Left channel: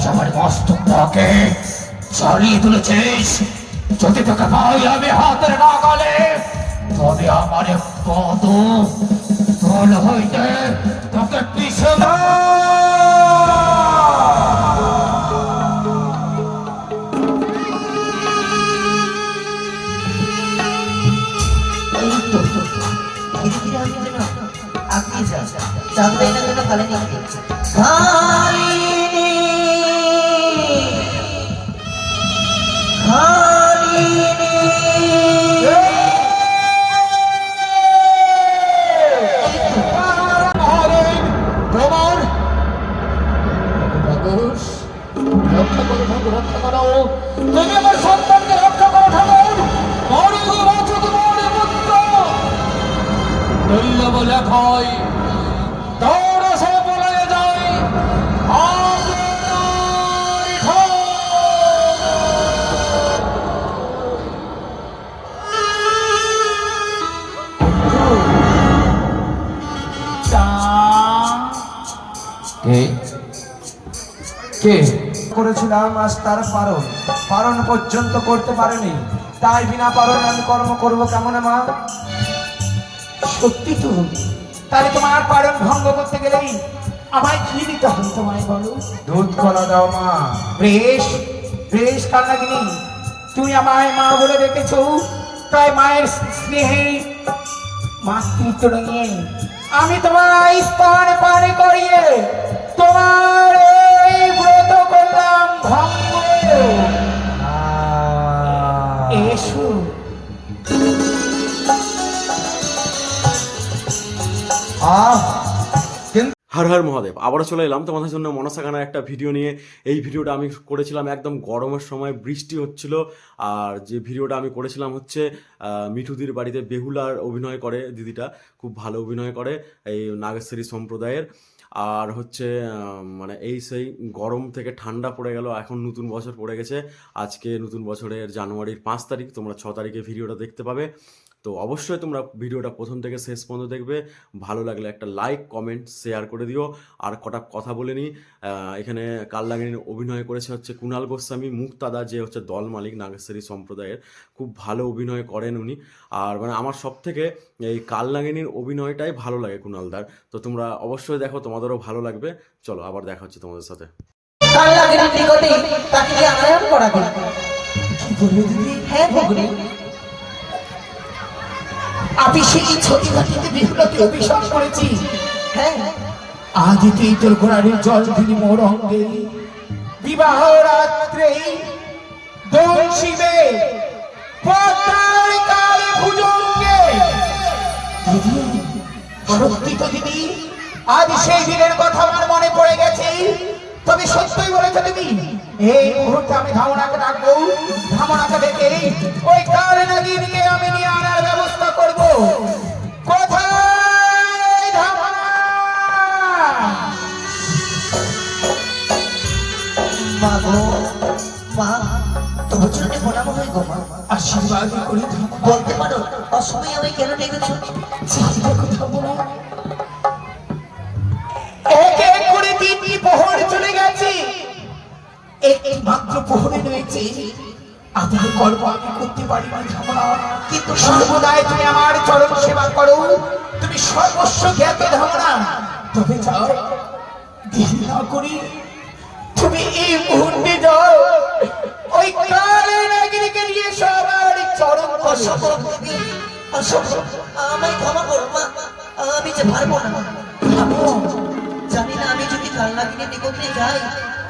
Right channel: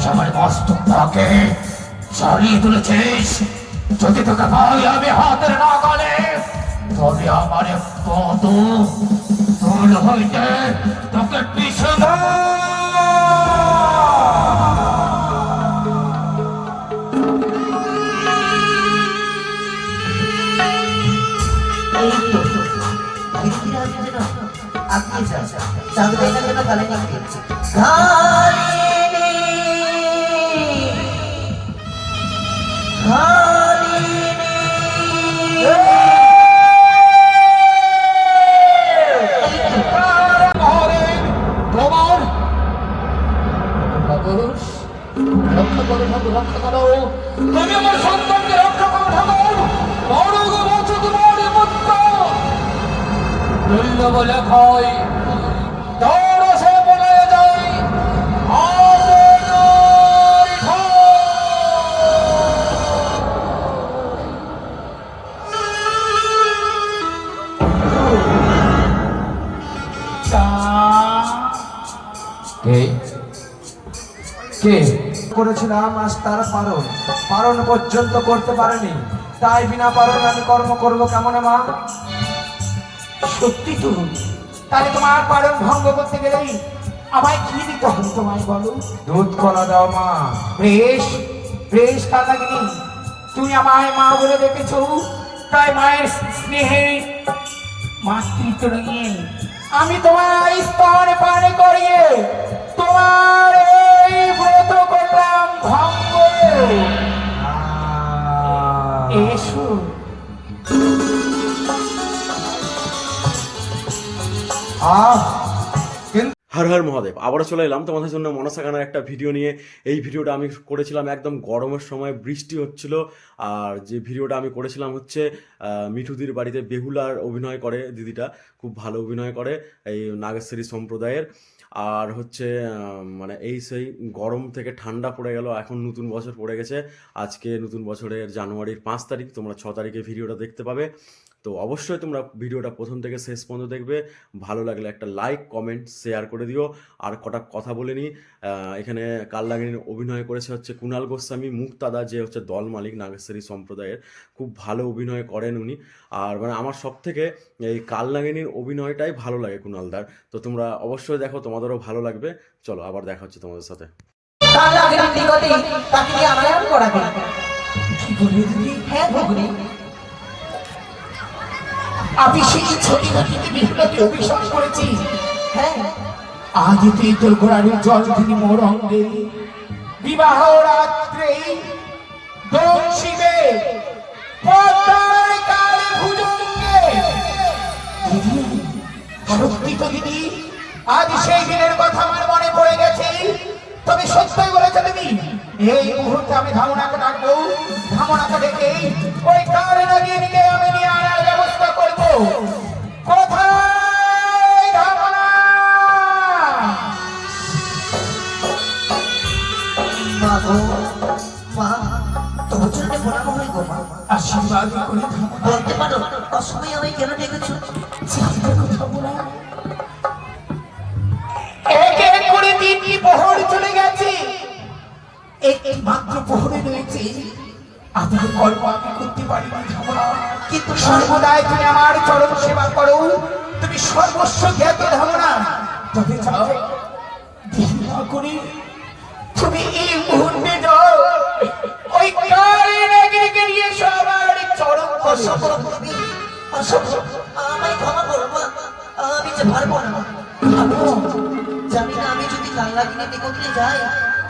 আজ আমার মস্তকটাকে চালিয়ে তুলেছিস। যদি তোকে পাই আমি হাতের নাগালে, তবে আমার কত তোল হইতে তোকে পিছু আপনি কেন বলেনি রক্ষা করো ঠাকুর, রক্ষা করো, তুমি আমার সন্তানকে রক্ষা করো ঠাকুর। দৈল্য বলে ভয় দৌড় সে বলে যাই করেছিলাম, আজ তার পারণ পর্যন্ত করতে পারেনি। তাই বিনা পারণ আমি কর্ম করবো কেমন মা? সত্যি তো, তাহলে তোমার পালন ভঙ্গ করতে গেলেই আমায় কি দিতে হবে তোমায় বলো? দুধ কলা দাও মা। বেশ বেশ কান্নাগিনি, তুমি আমায় মা বলে রেখেছ, তাই মায়ের স্নেহে মাতৃত্ব নিয়ে আমি তোমায় স্তন পান করিয়ে তোমার এই ব্রত করলাম ভঙ্গ। এসো। হর হর মহাদেব, আবারও চলে এলাম তোমাদের জন্য মনসা গানের একটা ভিডিও নিয়ে। এই ভিডিওটা আমি করেছিলাম একদম গরমের সময়, বৃষ্টি হচ্ছিল। আর যে ভিডিওটা আমি করেছিলাম হচ্ছে মিঠুদির বাড়িতে বেহুলার অভিনয় করে দিদিটা, খুব ভালো অভিনয় করে এই নাগেশ্বরী সম্প্রদায়ের। আর হচ্ছে মানে এই সেই গরম থেকে ঠান্ডা পড়ে গেল, এখন নতুন বছর পড়ে গেছে। আজকে নতুন বছরের জানুয়ারির 5 তারিখ, তোমরা 6 তারিখে ভিডিওটা দেখতে পাবে। তো অবশ্যই তোমরা ভিডিওটা প্রথম থেকে শেষ পর্যন্ত দেখবে। ভালো লাগলে একটা লাইক কমেন্ট শেয়ার করে দিও। আর কটা কথা বলে নিই, এখানে কালনাগিনীর অভিনয় করেছে হচ্ছে কুণাল গোস্বামী, মুক্তাদা যে হচ্ছে দল মালিক নাগেশ্বরী সম্প্রদায়ের, খুব ভালো অভিনয় করেন উনি। আর মানে আমার সব থেকে এই কালনাগিনীর অভিনয়টাই ভালো লাগে কুণালদার। তো তোমরা অবশ্যই দেখো, তোমাদেরও ভালো লাগবে। চলো আবার দেখা হচ্ছে তোমাদের সাথে। আমি সেই ছোটি ঘাটিতে বিহুলাকে অভিশাপ করেছি। হ্যাঁ, আজ তুই তোর ঘোড়ার জল দিদি মোর অঙ্গে, বিবাহ রাত্রে দোল শিবে পদ্মার কাল ভুজঙ্গে। দিদি, সত্যি তো দিদি, আজ সেই দিনের কথা আমার মনে পড়ে গেছে। তবে সত্যই বলেছে দিদি, এই মুহূর্তে আমি ধামনাকে ডাকবো, ধামনাকে ডেকে ওই কালনাগিনীকে আমি নিয়ে আনার ব্যবস্থা করবো। কোথায় ধামনা? মা গো, মা তোমার জন্য প্রণাম হই গো মা। আশীর্বাদ করি। বলতে পারো অসময়ে আমি কেন ডেকেছো? এক এক করে 3টি প্রহর চলে গেছে, একটি মাত্র প্রহরে রয়েছে। আপনাদের কর্ম আমি করতে পারি না ধামনা, কিন্তু সর্বদাই তুমি আমার চরণ সেবা করো, তুমি সর্বস্ব জ্ঞাত ধামনা। তবে যাও, দেরি না করি তুমি এই মুহূর্তে যাও, ওই কালনাগিনীকে নিয়ে সবার চরণ আমায় ক্ষমা করো মা, আমি যে পারবো না। জানি না, আমি যদি কালনাগিনীর নিকটে যাই,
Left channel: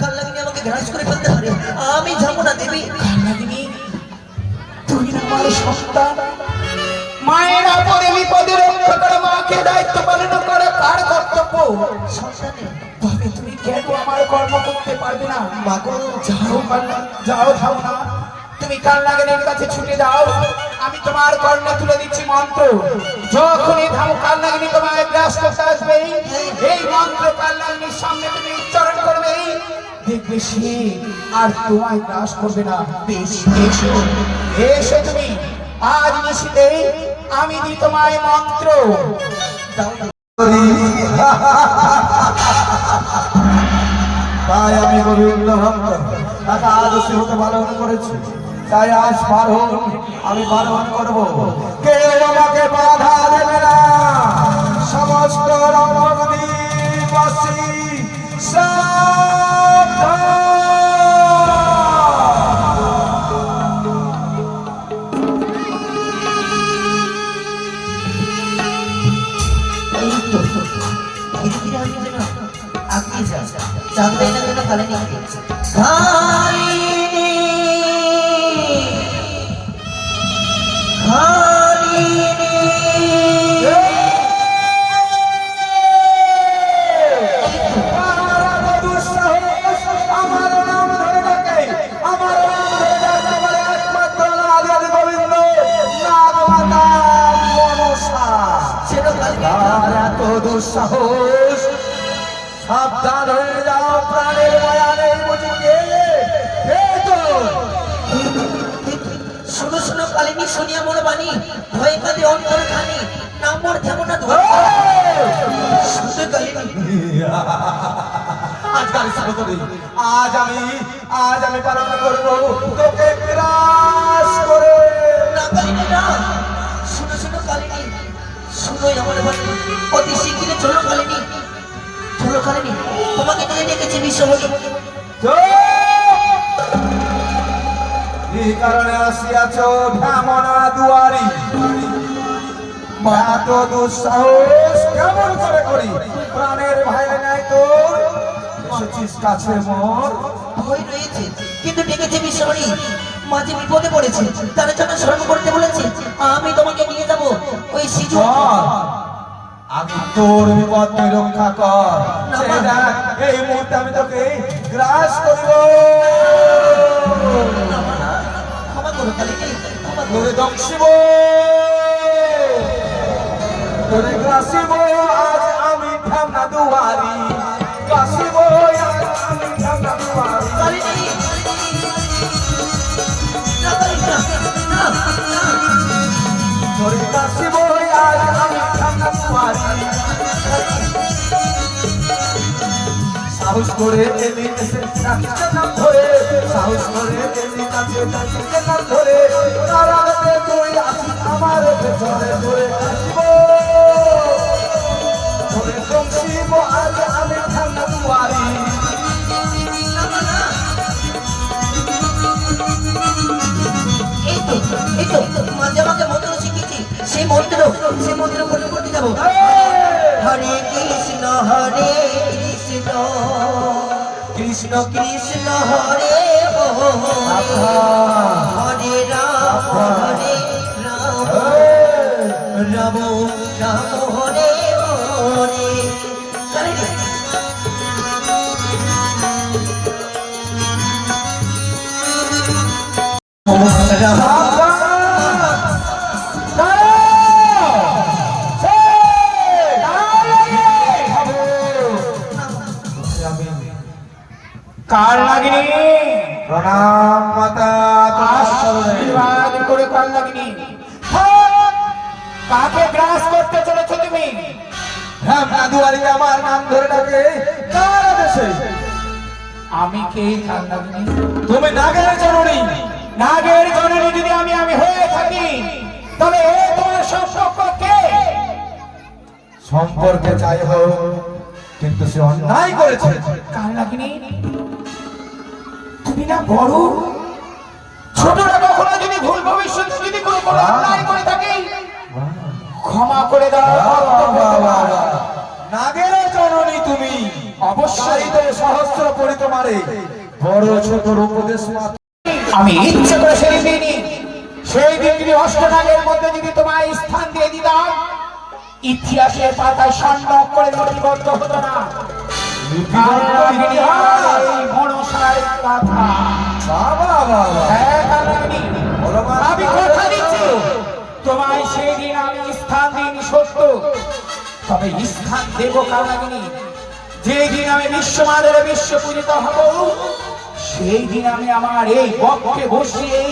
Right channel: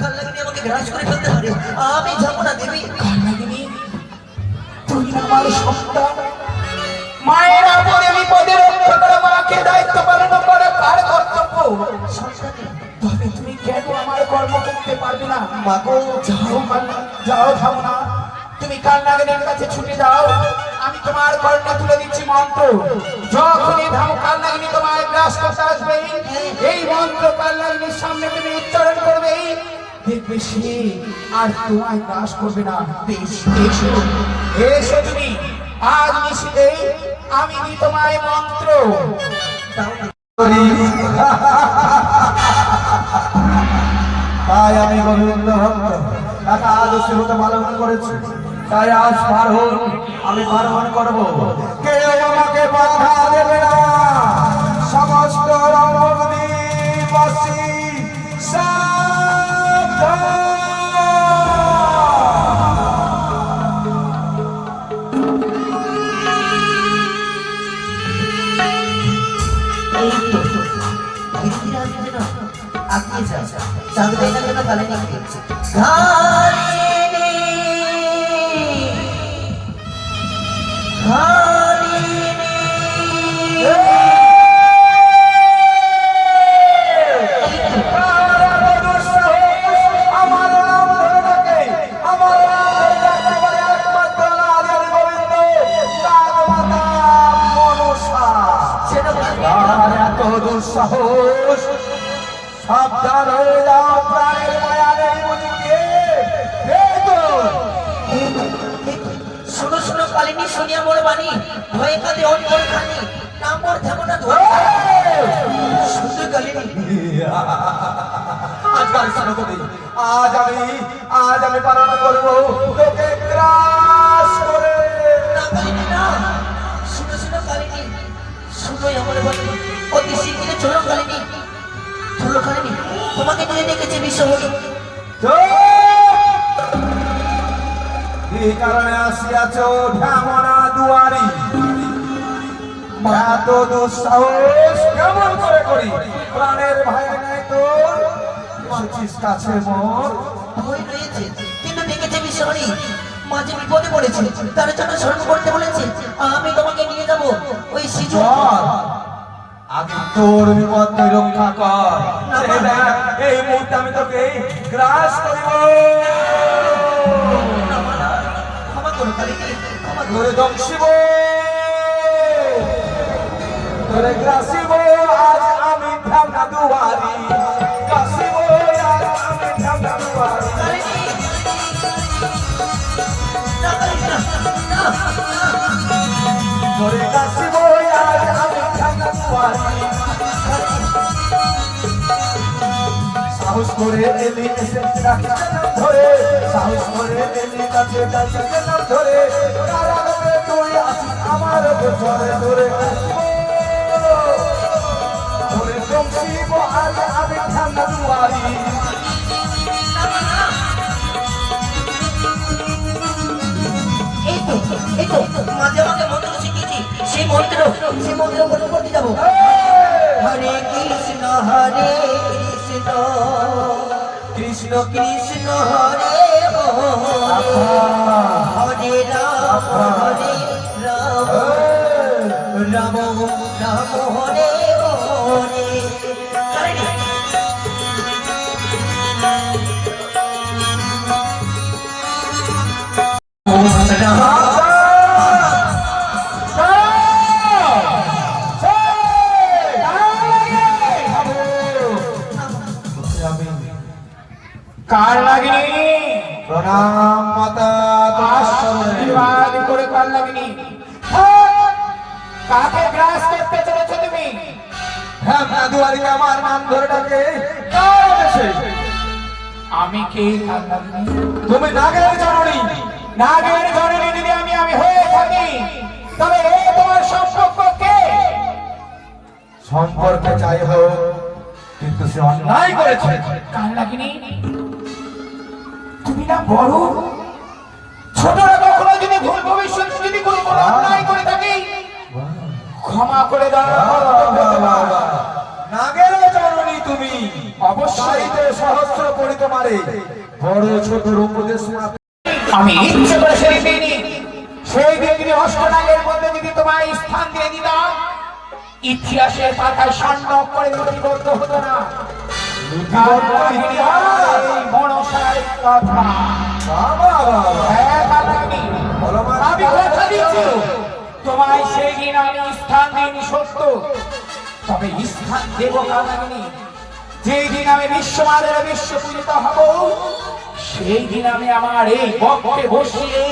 কালনাগিনী আমাকে গ্রাস করে ফেলতে পারে। আমি যাবো না দেবী। কালনাগিনী, তুমি আমার সন্তান, মায়ের আপদে বিপদে রক্ষা করে মাকে দায়িত্ব পালন করা কার কর্তব্য? তবে তুমি কেন আমার কর্ম করতে পারবে না? মাগো, যাও ধামনা, তুমি কালনাগিনীর কাছে ছুটে যাও। আমি তোমার কর্ণে তুলে দিচ্ছি মন্ত্র। যখনই কালনাগিনী তোমার গ্রাস করতে আসবে, এই মন্ত্র কালনাগিনীর সামনে তুমি উচ্চারণ করবে, দেখবে সে আর তোমায় গ্রাস করবে না। এসো এসো তুমি, আজ নিশিতে আমি দিই তোমায় মন্ত্র। তাই আমি গোবিন্দ ভক্ত তাকে আদর্শ হতে ভালো মনে করেছি, তাই আজ পারণ আমি পালন করবো। কেউ আমাকে বাধা দেবে না। সমস্ত রমণীবাসী সাবধান। এই তো ধীরে ধীরে আমি যেন আগিয়ে যাই, জানবে না যেন কালিনী আর এত দুঃসাহস, সাবধান হয়ে যাও, প্রাণের মায়া নেই বুঝিকে। শোনো শোনো কালিনী, শুনিয়া মোর বাণী, ভয়ে কাঁদে অন্তর খানি, না মোর ধ্যামনা ধরে শুধু কালিনী। আজকাল সাগতী, আজ আমি পালন করবো তোকে গ্রাস করে। না কালিনী না, শুনো শোনো কালিনী, শুনোই আমার বাণী, অতি শীঘ্রই চলো কালিনী, চলো কালিনী, তোমাকে নিয়ে ডেকেছি বিশ্বহরি। এই কারণে আসিয়াছ ঢামনা দুয়ারি, এত দুঃসাহস কেমন করে করি? প্রাণের ভাই নাই তোর, এসেছিস কাছে মোর। ভয় রয়েছে কিন্তু ডেকেছে বিশ্বহরি, মাঝে বিপদে পড়েছে, তার জন্য স্মরণ করতে বলেছে। আমি তোমাকে নিয়ে যাব ওই সিজু। আমি তোর বিপদ তুই রক্ষা কর। এই মুহূর্তে আমি তোকে গ্রাস করব। ক্ষমা করো কালিনী, ক্ষমা করো। তোরে দংশিব, তোরে গ্রাসিব, আজ আমি ঢামনা দুয়ারি, গ্রাসিব আজ আমি ঢামনা দুয়ারি। কালিনী না, কালিনী না, না, না। তোরে গ্রাসিব আজ আমি ঢামনা দুয়ারি। সাহস করে এলি এসে ডাকতে নাম ধরে, সাহস করে এলি কাছে ডাকতে নাম ধরে, নারায়ণে তুই আসিস আমার পেছনে ধরে আসিব, ধরে দংশিব আজ আমি ঢামনা দুয়ারি। এই তো মাঝে আমাকে মন্ত্র শিখেছি, সেই মন্ত্র বলে করতে যাবো। হরে কৃষ্ণ কৃষ্ণ কৃষ্ণ হরে হরে রাম রাম রাম হরে হরে। কালিনী রাম কার লাগিনি প্রণাম মাতা। আশীর্বাদ করে কার লাগিনি। কাকে গ্রাস করতে চলেছো তুমি? ঢামনা দুয়ারি আমার নাম ধরে ডাকে কার আদেশে? আমি কে কার লাগিনি? তুমি নাগের জননী। নাগের জননী যদি আমি হয়ে থাকি, তবে এ তোমার সম্পর্ক কে? সম্পর্কে চাই হোক, কিন্তু সে অন্যায় করেছে। কার লাগিনি? তুমি না বড় ছোটরা কখনো যদি ভুল ভবিষ্যৎ যদি কোনো অন্যায় করে থাকে, ক্ষমা করে দাও। নাগের জননী তুমি, অবশ্যই তো সহস্র পড়ি তোমারে বড় ছোট উপদেশ মাত্র। আমি ইচ্ছে করে সেই দিনই, সেই দিন যদি অষ্টনাগের মধ্যে যদি তোমায় স্থান দিয়ে দিতাম, ইতিহাসের পাতায় স্বর্ণ করে লিপিবদ্ধ হতো না। এই মনসার কথা। হ্যাঁ, কালাগিনী, আমি কথা দিচ্ছি, তোমায় সেই দিন আমি স্থান দিইনি সত্য, তবে স্থান দেব কালাগিনী। যেই দিন আমি বিশ্বমানবে বিশ্ব পূজিত হব, সেই দিন আমি আমার এই বক্ষে বসিয়ে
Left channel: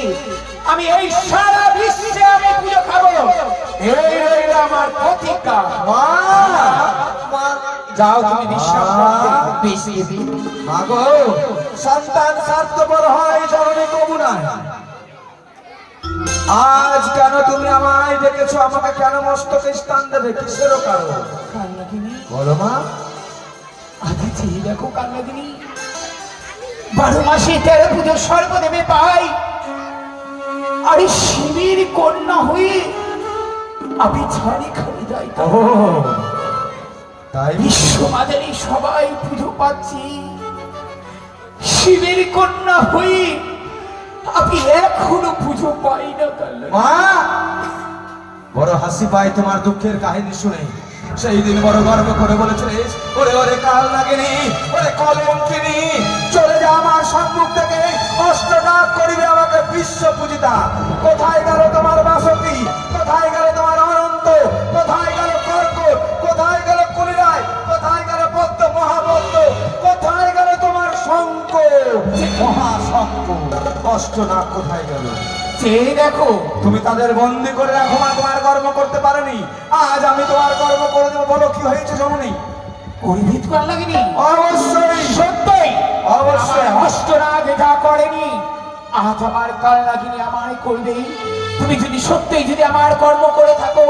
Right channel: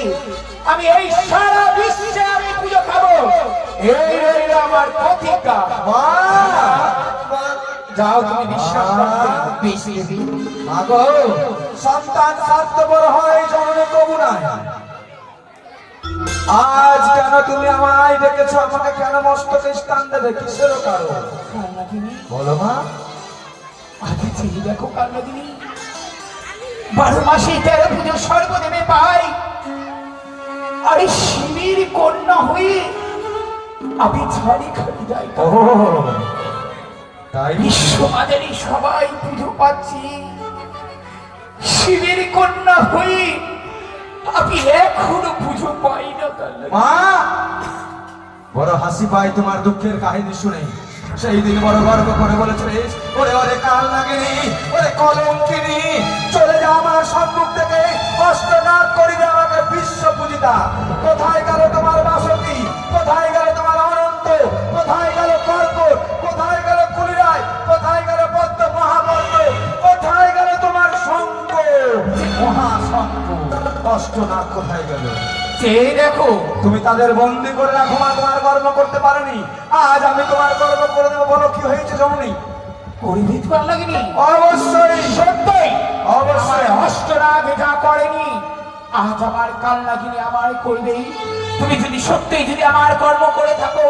আমি এই সারা বিশ্বে আমি পুজো খাবো। এই রইল আমার প্রতিজ্ঞা। যাও তুমি বিশ্বাস করতে বেশ দেবী। মাগো সন্তান স্বার্থপর হয় জননী কবু নাই। আজ কেন তুমি আমায় ডেকেছো? আমাকে কেন মস্তকে স্থান দেবে? কিসের কারণ কালনাগিনী, বলো মা। আগে চেয়ে দেখো কালনাগিনী, 12 মাসে 13 পুজো সর্বদেবে পাই, আরে শিবের কন্যা হয়ে আমি ছাড়ি খালি যাই। ও তাই বিশ্ববাজারে সবাই পুজো পাচ্ছি, শিবের কন্যা হয়ে আমি এখনো পুজো পাই না কালনাগিনী। মা, বড় হাসি পায় তোমার দুঃখের কাহিনী শুনে। সেই দিন বড় গর্ব করে বলেছিলিস, ওরে ওরে কাল লাগেনি, ওরে কলঙ্কিনী, চলে যা আমার সম্মুখ থেকে, অষ্টনাথ করিবে আমাকে বিশ্ব পূজিতা। কোথায় গেল তোমার বাসন্তী? কোথায় গেল তোমার অনন্ত? কোথায় গেল কর্কট? কোথায় গেল কলিরায়? কোথায় গেল পদ্ম মহাপদ্ম? কোথায় গেল তোমার শঙ্খ মহাশঙ্খ? অষ্টনাথ কোথায় গেল? চেয়ে দেখো, তুমি তাদের বন্দি করে রাখো মা, তোমার কর্ম করতে পারেনি। আজ আমি তোমার কর্ম করে দেবো। বলো কি হয়েছে জননী? পরিভিত কালনাগিনী অবশ্যই সত্যই অবশ্যই। আমার অষ্টনাথ যা করেনি আজ আমার কালনাগিনী আমার করবে। তুমি যদি সত্যি যদি আমার কর্ম করে থাকো,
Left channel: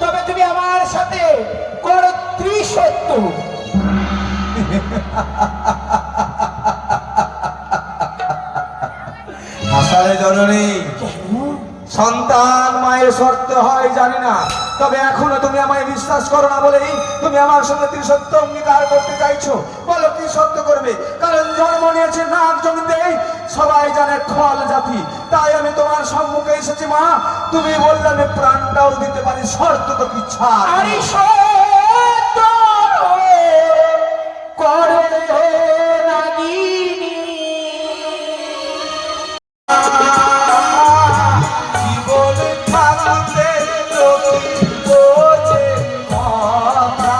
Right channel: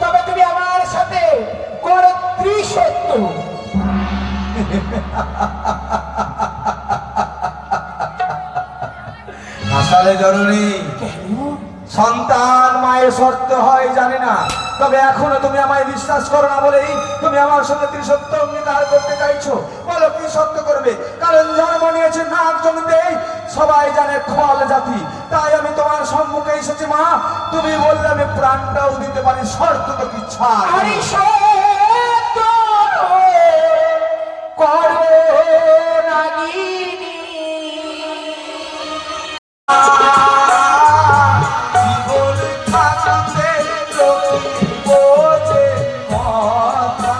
তবে তুমি আমার সাথে করো ত্রিসত্য। আসারে জননী, সন্তান মায়ের শর্ত হয় জানি না, তবে এখনো তুমি আমায় বিশ্বাস করো না বলেই তুমি আমার সঙ্গে ত্রিসত্য অঙ্গীকার করতে চাইছো। বলো কি সত্য করবে? কারণ জন্ম নিয়েছে নাগ জমিতে, সবাই জানে খল জাতি, তাই আমি তোমার সম্মুখে এসেছি মা। তুমি বললে আমি প্রাণটাও দিতে পারি, শর্ত তো কি ছাড়। আরে সত্য করো নাগিনী। জীবনে থাকতে যদি বোঝে কথা।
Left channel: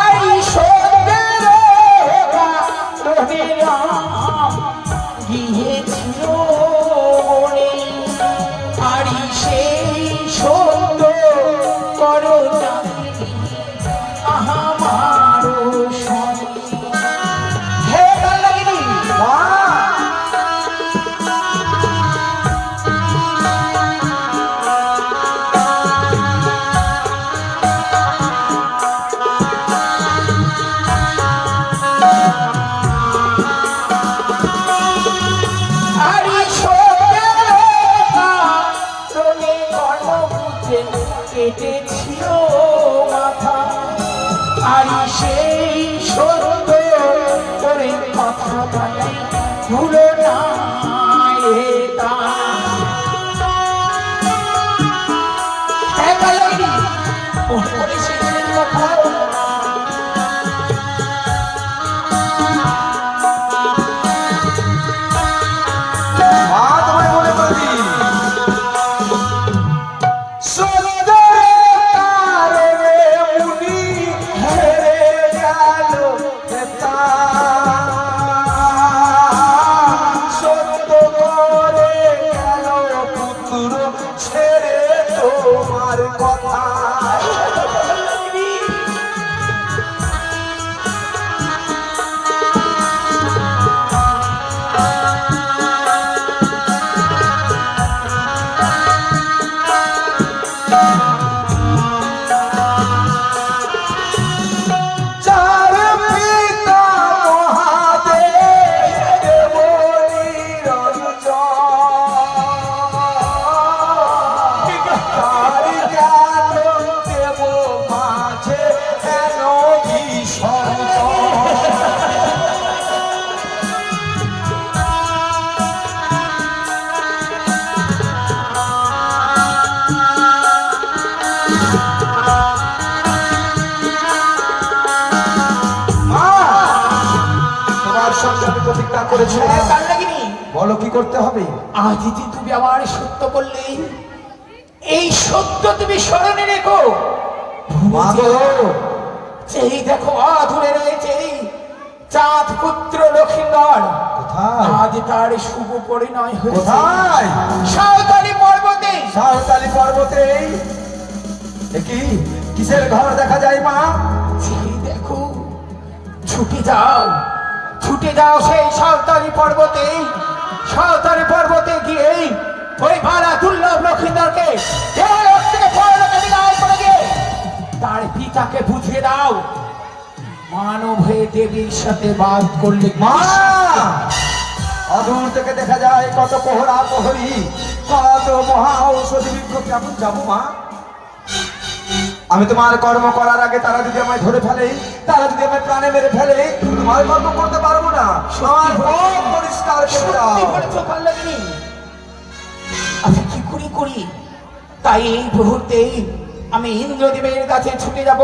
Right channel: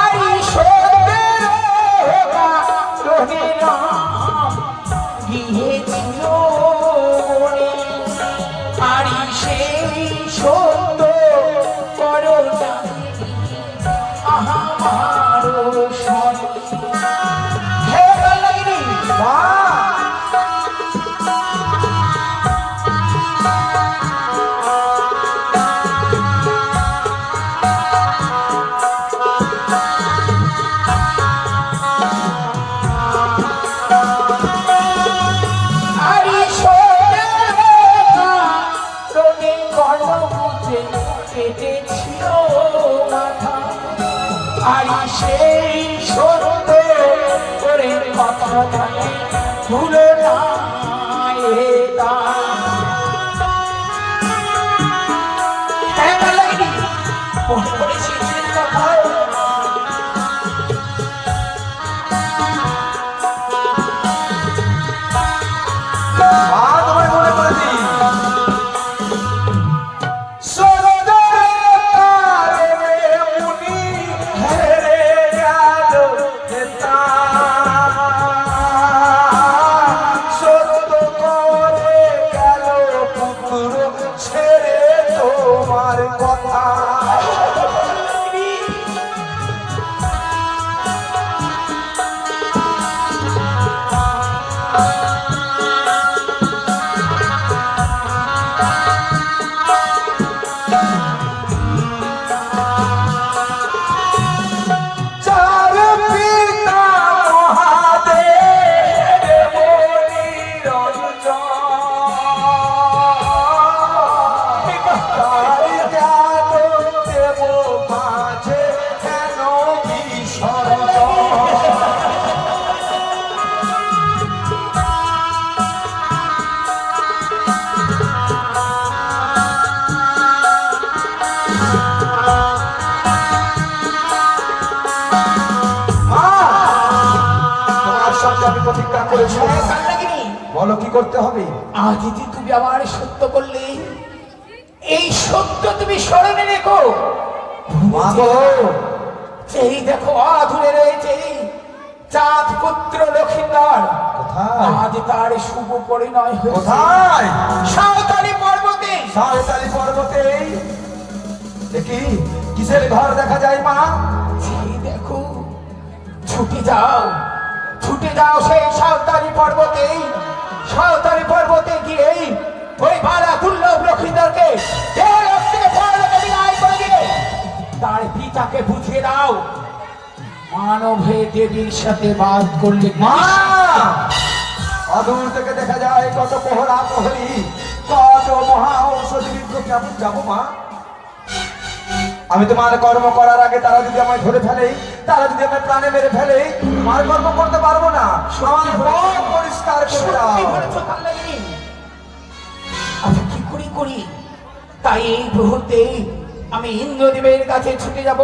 আরে সত্যের গিয়েছিল মনে, আরে সেই সত্য করো নাগিনী আমার স্বামী। হে কালনাগিনী, মা, আরে সত্যে গণপতি কেটেছিল মাথা, আরে সেই সত্য করে কথা বলে ভুলো না এটা। হ্যাঁ কালনাগিনী, মনে পড়ে সেদিনের কথা। মা, তোমায় মনে করেছি। সরোদের কারণে মুনি হেরে গেল হেতা। সত্য করে গেল পুত্র ছেড়ে তোমার কথা। চার পিতা মহাদেব দেবরীর তার জ্ঞান দেব মাঝে কেন বিসর্জন। মা, তোমার সঙ্গে আমি প্রতিজ্ঞা করেছি। হ্যাঁ কালনাগিনী, বলো কি করতে হবে? আজ যে তুমি আমার সত্য বললে, এই সত্য তুমি স্মরণে রেখো। মা গো, এই দেখো অধুরে রয়েছে চাঁদ পুত্র লক্ষিন্দর। কোথায়? আজ তার শুভ পরিণয় হয়েছে কোথায়? সাঁওতালি পর্বতে। সাঁওতালি পর্বতে। দেখি কিসের ঘর দেখা যায় মা? এই দেখো, ছুটে যাও, ছুটে যাও সেই সাঁওতালি পর্বতে। সাঁওতালি পর্বতে গিয়ে ওই ভাড়া দুর্লভ লক্ষিন্দরকে দেহলোক থেকে পরলোকে বিদায় করে দিয়ে তার পিতাকে বুঝিয়ে দাও মানব হয়ে দেবীর সাথে বাদ করলে মা, অদূর থেকে দেখা যায় কত প্রহরা প্রহরী, কত মহা ঔষধি বিজ্ঞ। কেমন যাবো মা? আমি তোমার কর্ম করার আগে তারা যদি আমায় ধরে ফেলে, তারা যদি আমায় প্রাণে মেরে ফেলে, তোমার কর্ম করতে পারবো না। আমার পথ পরিষ্কার করে দাও। সত্যি বলছো কাল্লাগি? আমি কি করি তাই এই মুহূর্তে আমি ইন্দ্রদেবের কাছে ছুটে যাব।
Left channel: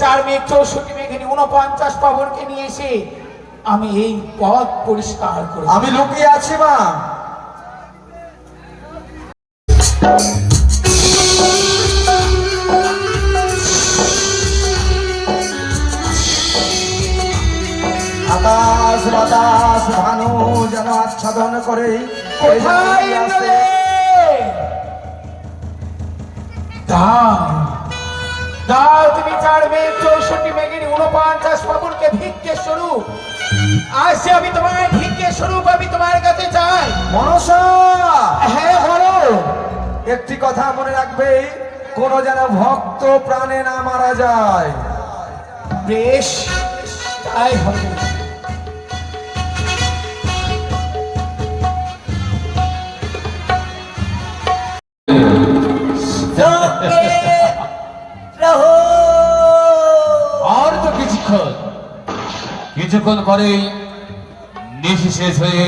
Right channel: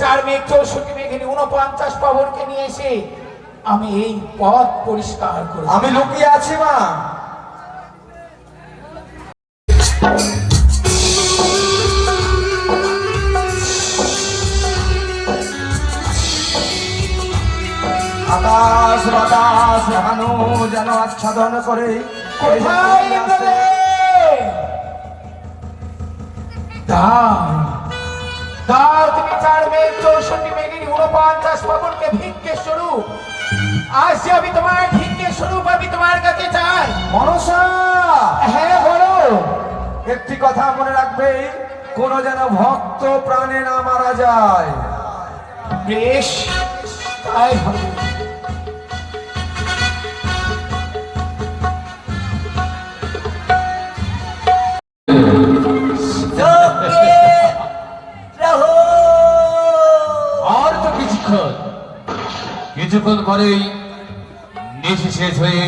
4 মেঘ 64 মেঘিনী 49 পাবনকে নিয়ে এসে আমি এই পথ পরিষ্কার করব। আমি লুকিয়ে আছি মা। আকাশ বাতাস ভানু যেন আচ্ছাদন করে কোথায় ইন্দ্রদেব? দাও দাও তুমি 4 মেঘ 64 মেঘিনী 49 পাবনকে ভিক্ষে স্বরূপ। আজ যে আমি তোমার ভিক্ষে স্বরূপ আমি তোমার কাছে চাই। মনসা, হ্যাঁ বলো। একটি কথা মনে রাখবে, কোন যেন ভক্ত প্রাণে না মারা যায়। বেশ, তাই হবে। আর তো কিছুক্ষণ পরে নিশি শেষ হয়ে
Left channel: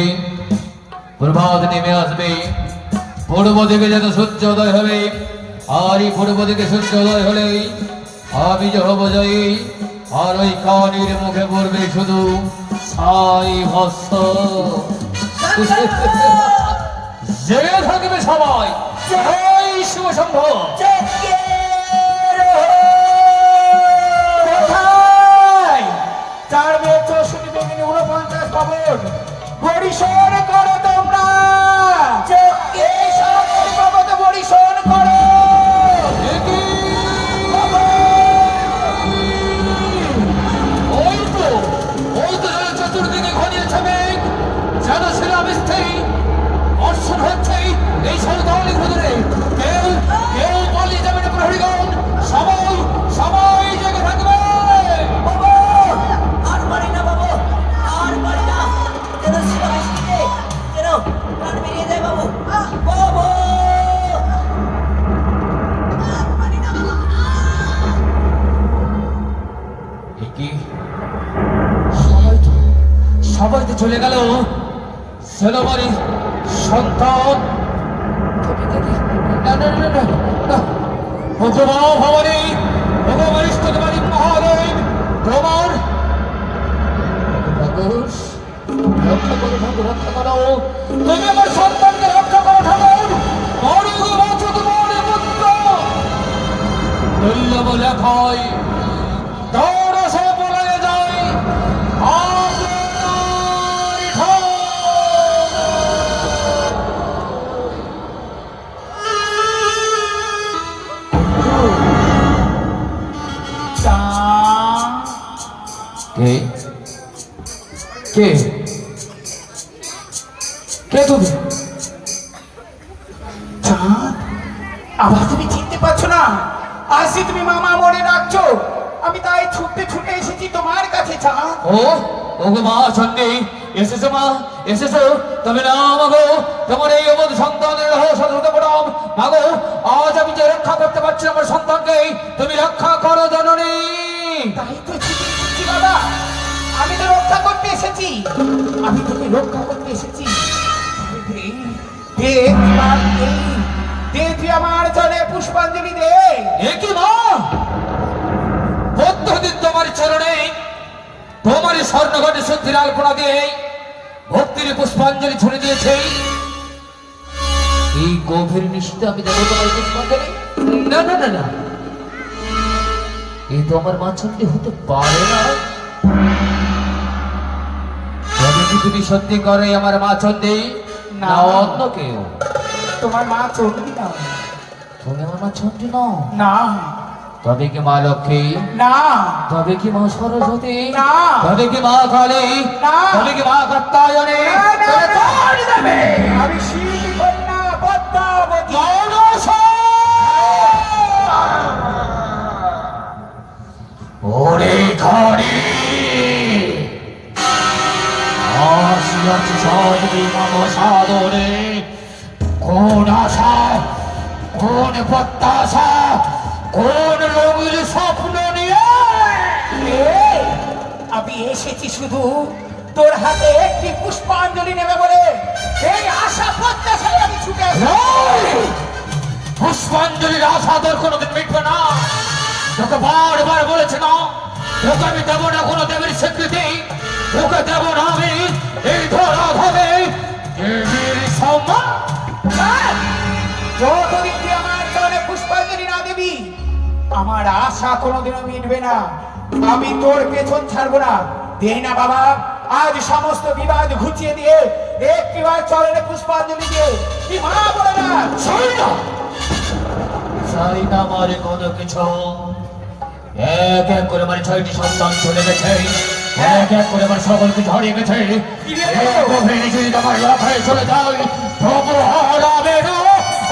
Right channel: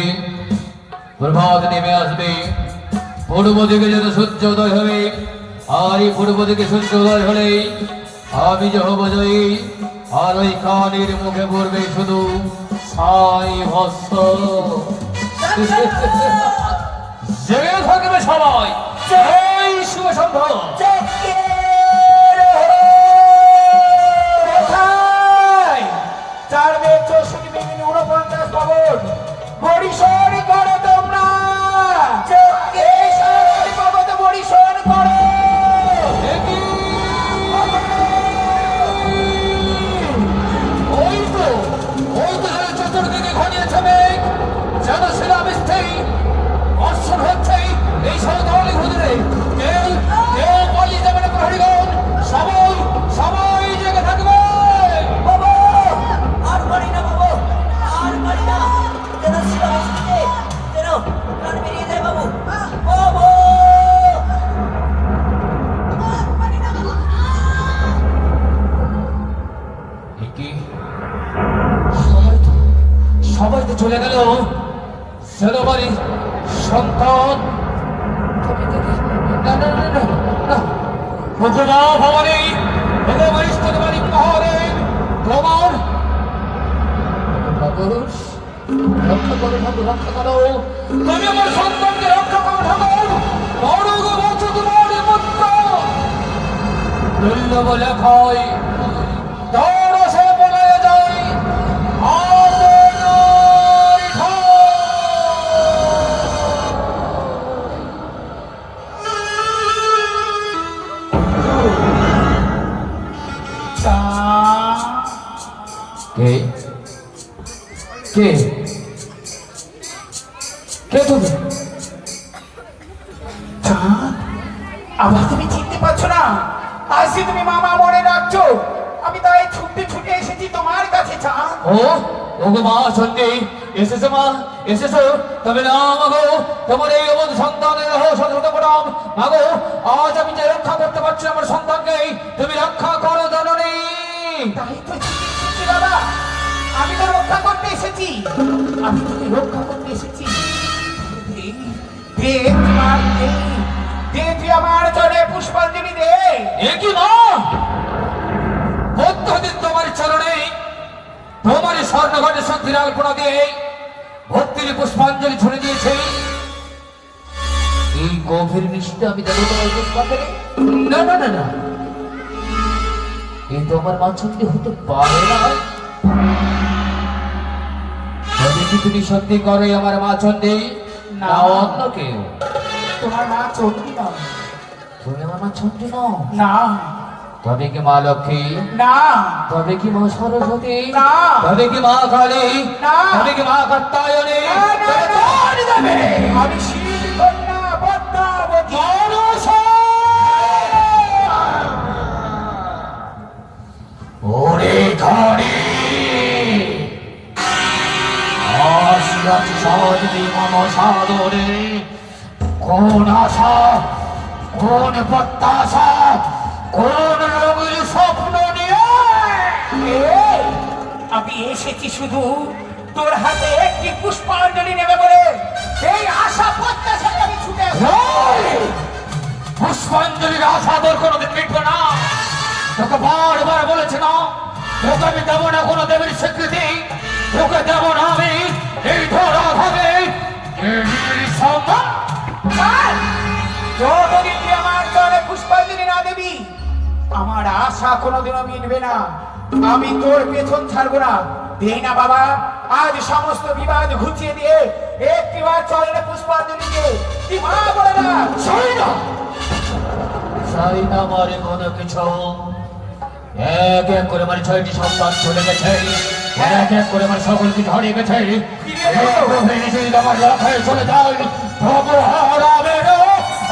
প্রভাত নেমে আসবে। পূর্ব দিকে যেন সূর্য উদয় হবে, আর এই পূর্ব দিকে সূর্য উদয় হলে আমি যে হব জয়ী। আর ওই কানের মুখে পড়বে শুধু সাই ভস্ত। জেগে থাকবে সবাই। জয় শুভ সম্ভব। কোথায়? 4 মেঘ 64 মেঘিনী 49 পাবন পরিশোধ করো তোমরা। এই সারাদিন বাবাকে পরিশোধ করো। ওই তো চতুর্দিকে ঘনিয়েছে মেঘ, যেন শিলাবৃষ্টি বর্ষণ হচ্ছে এই সৌদালি ঘুরে। কেউ কেউ পালিয়ে যাবে না প্রহরীগণ, সবাই সবাই জেগে থাকবে। আর পারি না বাবু, আর পারি না। যেন শিলাবৃষ্টিতে যেন প্রাণ বেরিয়ে যায় বাবু। বাবু! কি সবাই তো চলে গেল। সেনাবাড়ি সন্তান ভগবা ভবানী ভগবান স্তনবাড়ি পাহাড়ে তোমার মানুষ রক্ষা করো ঠাকুর, রক্ষা করো। তুমি আমার সন্তানকে রক্ষা করো ঠাকুর। মরুগ বাঁচো তোমার পুত্র দুর্লভ লেখায় দৌড় সে বলে যায়। কে কে কে তুমি? চাঁদ, আবার তুমি চিনতে পারছো না? আজ যে তুমি মামা মনে রাখছো, আমি তাই ছুটতে ছুটে এসেছি তোমার কাছে। চাঁদ, ও ও গো মা চন্ডী, এসেছো মা, এসেছো। তবে না মাগো, তোমার এই অবধ সন্তানের সতর্ক প্রণাম। মাগো, আজ আমি যে রক্ষা করতে পারছি আমার সন্তানকে, তুমি রক্ষা করো জননী। তাই তো এসেছি বাবা, আমি তো রক্ষা করতে এসেছি, আমি তোকে রক্ষা করতে এসেছি। দে তুই আমার চরে পুষ্পাঞ্জলি দে। এ কি মা, প্রত্যেকদিন তোমার চরণে তোমার স্বর্ণঘটে সন্ধির আলপনা দিয়ে ভক্তির পুষ্পাঞ্জলি ছড়ে দিয়েছে। এই গভীর নিশীতে আমি দেবো তোমার পুষ্পাঞ্জলি? না না না না, এই তো আমার মাছন্দি হতে পারে না। যদি কি তুমি সত্যি করে আমার মাছন্দি, না। না অন্য কেউ? তোমার মা চন্ডী না। তুমি আমার মাছন্দি নও? না তবে কি মা লক্ষ্মী? না তবে কি মা সরস্বতী? না। তবে কি মা কালী? না। তবে কি মা কাত্যায়নী? আমি শিব কন্যা পদ্মাবতী। ওরে ধরে আসিয়াছি সাধবি মম সাদরে, কোন আশা, কোন প্রত্যাশা, কোন রঙিল স্বপ্ন নিয়ে? এই, আমি এসেছি শুধু তোর হাতে একটি পুষ্পাঞ্জলি নেবে বলে। এই আশা প্রত্যাশায় আমি ছুটে এই, পুষ্পাঞ্জলির আশা তোর কোনোদিন মিটবে না। তোকে বারবার বলেছে না, তোকে আমি দেবো না কোনো দেবীর স্বীকৃতি, তোকে দেবো না আমি এই ধরা ভাবে দেবীর সম্মান। আর যতদিন তুই আমার চরণে পুষ্পাঞ্জলি না দিবি, আমার আশা কোনোদিনও মিটবে না। আমি তোর পেছন ছাড়বো না। দে না বাবা, আজ সমস্ত বিবাদ ঘুচিয়ে দিয়ে একটিবার চরণে পুষ্পাঞ্জলি দিয়ে তুই মা বলে না। চাই না, চাই না আমারে কোনো কিছু। এক এক করে আমার 6টি সন্তান চলে গেছে, এক এক করে আমার সকল কিছু হারিয়ে গেছে। আমার লক্ষ্যে চলে যাই, তবু হারাবে না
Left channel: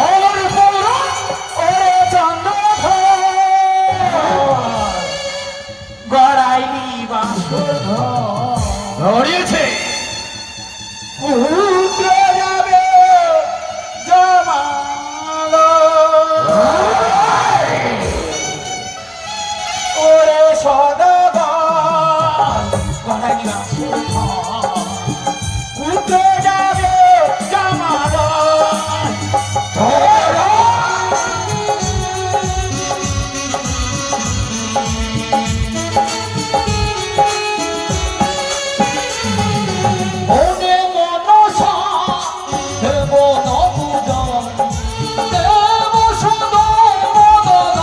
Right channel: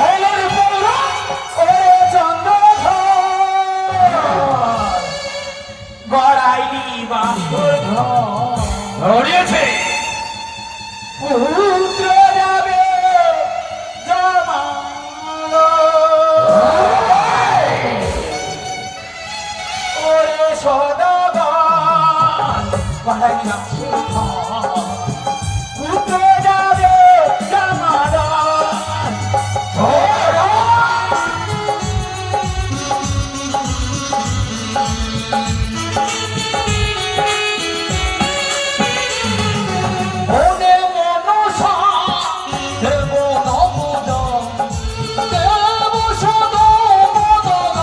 আমার পৌরাণ। ওরে চন্দ্রধর, গড়াইলি বাঁকুড় ঘর। হারিয়েছে পুত্র যাবে জমালো। ওরে সদাগর, গড়াইলি বাঁকুড় ঘর। পুত্র যাবে জমালো। মনে মনসা দেব নবুজন, দেব সদা বদন।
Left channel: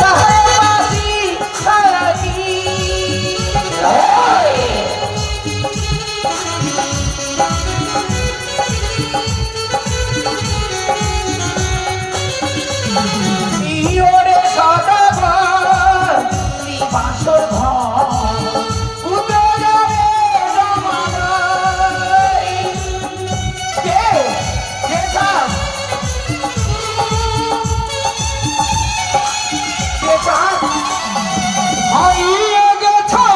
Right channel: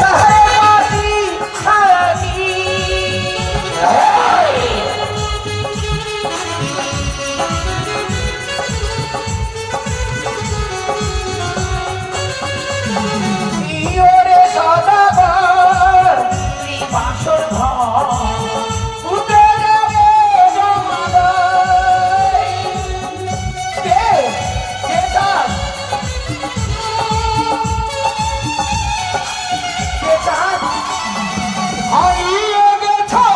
সাহায্যবাসী সারাদিন। ওরে সদাগর, বাসর ঘর। পুত্র যাবে জমালয়। কে? কে চাস? কে চাস? হারিয়ে গেছে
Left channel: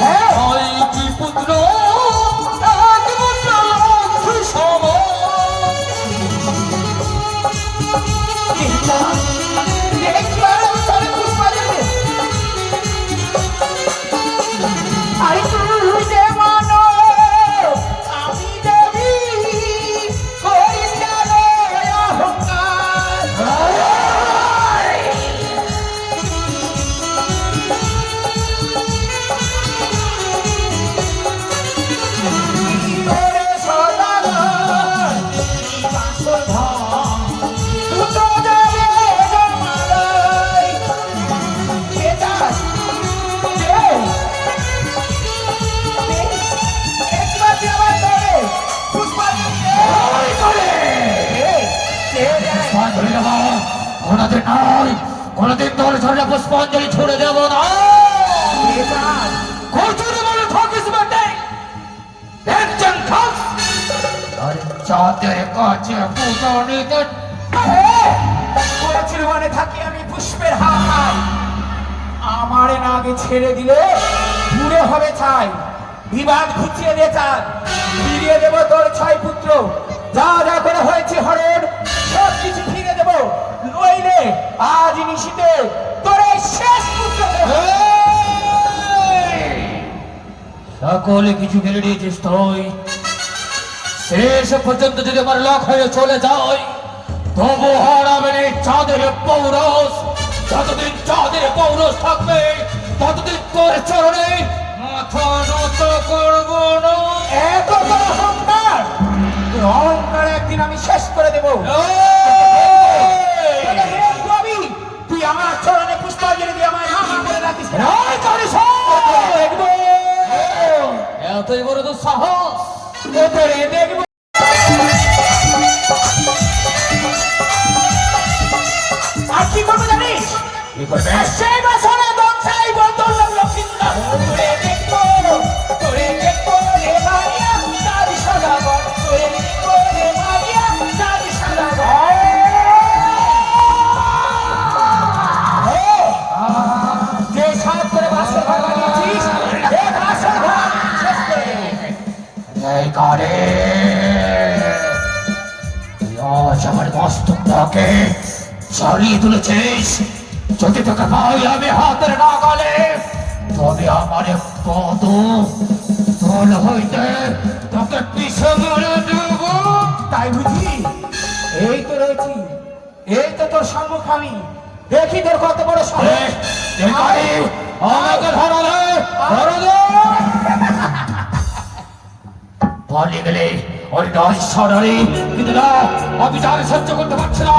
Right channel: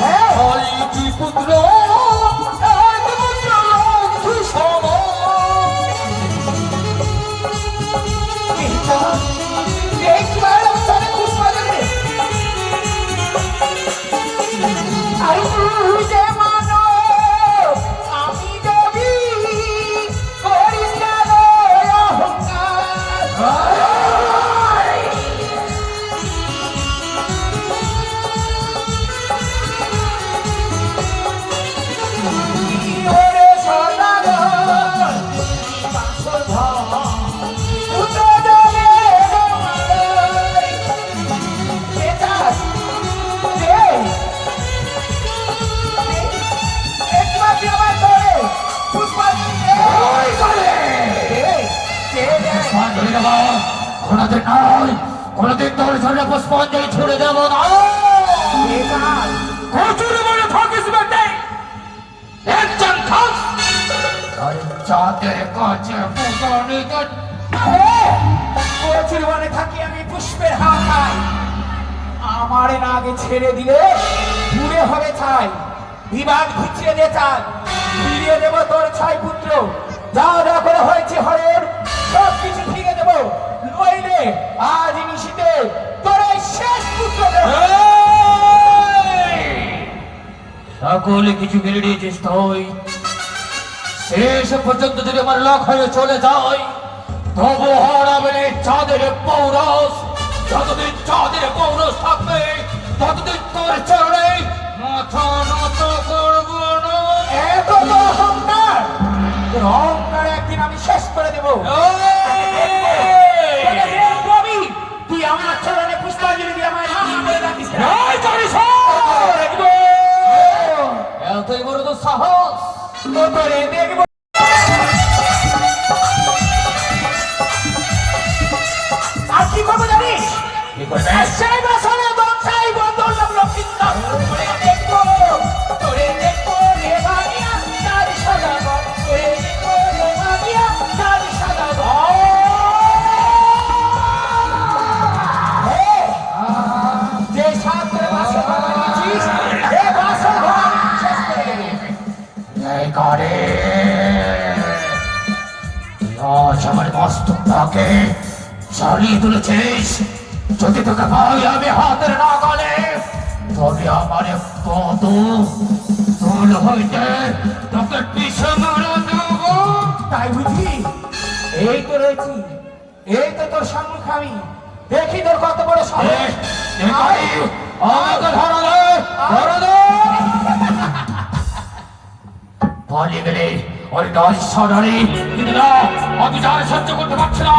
হ্যাঁ, ছয়টি পুত্র, এক পুত্র লক্ষ্মী সম। কে চাস? দেখি আর চলে পুষ্পাঞ্জলি। আই তুই যে মানো, আমি দেবী, করিস না রে অহংকার। ওরে সদাগর, বাসর ঘর। পুত্র যাবে জমালয়। কে চাস? কে? একবার তুই আমার চরণে পুষ্পাঞ্জলি দে। কে? পুষ্পাঞ্জলি দেবো কোনোদিন নয়, কোনোদিন তোর জন্য পুষ্পাঞ্জলি ছেড়ে দেবো না। কে চাস? কচুর বলে থাকিস বেটে, একজন থাক আর চাঁদের কাছে পুজো নিতে। প্রচুর বনে থাকি আমি পুষ্পের হাওয়া পাই। আমারে না আগে ছেড়ে দিলে দূরে হবে ছাই। বিবাদ ঘুচিয়ে দে চাই, ফিরিয়ে দেব তোর 6 পুত্র। যা যা করে হয়েছে হরের সব কিছু ফিরে দেব, নইলে আজ নিশীতে তোর এই শেষ পুত্র দেব। সকলে কিছু ফেলে দিয়েছিস তুই, শেষ পর্যন্ত যদি আমার লাখ হয়ে চলে যায়, তবু হারাবে না চাঁদের পৌরস। যতদিন চাঁদের পৌরস থাকবে, ততদিন তোর চরণে মাথা নত করব না। এত তো অহংকার, তোর অহংকার একদিন আমি শেষ করে দেবো। রবি, তুই আমার চরণে পুষ্পাঞ্জলি দিয়ে আমার নাম করে রাখিস না। দেখবো, এতই বড় তো সাহস। তোরে দেখবো। আর কি করবো জানিস? সেই বাসনে বংশাই বন্ধন লক্ষ্মীন্দর। তোরে দেখবো, তোরে দেখবো রে বানিয়া চাঁদ সাজাবো। তোরে দেখবো রে বানিয়া চাঁদ সাজাবো। যে সাত করে বাসন বানিয়েছিস, এই বাসন শেষ করে দেবো। এই করে আজ আমার মস্তকটাকে সরিয়ে তুলেছিস। যদি তোকে পাই আমি হাতের নাগালে, তবে আমার পদ তোল হইতে তোকে পিছু মেরে দেব। তাই বুঝি? এই তো রয়েছি, এই তো তোর সম্মুখ আমি। দেখি তোর কত বড় সাহস। দেখাই আমাকে ধরো দে, ধরো দে। পালিয়ে গেলে ওই গাড়ি সরারি, কিন্তু না, আমি তার সহ্য করতে পারছি না।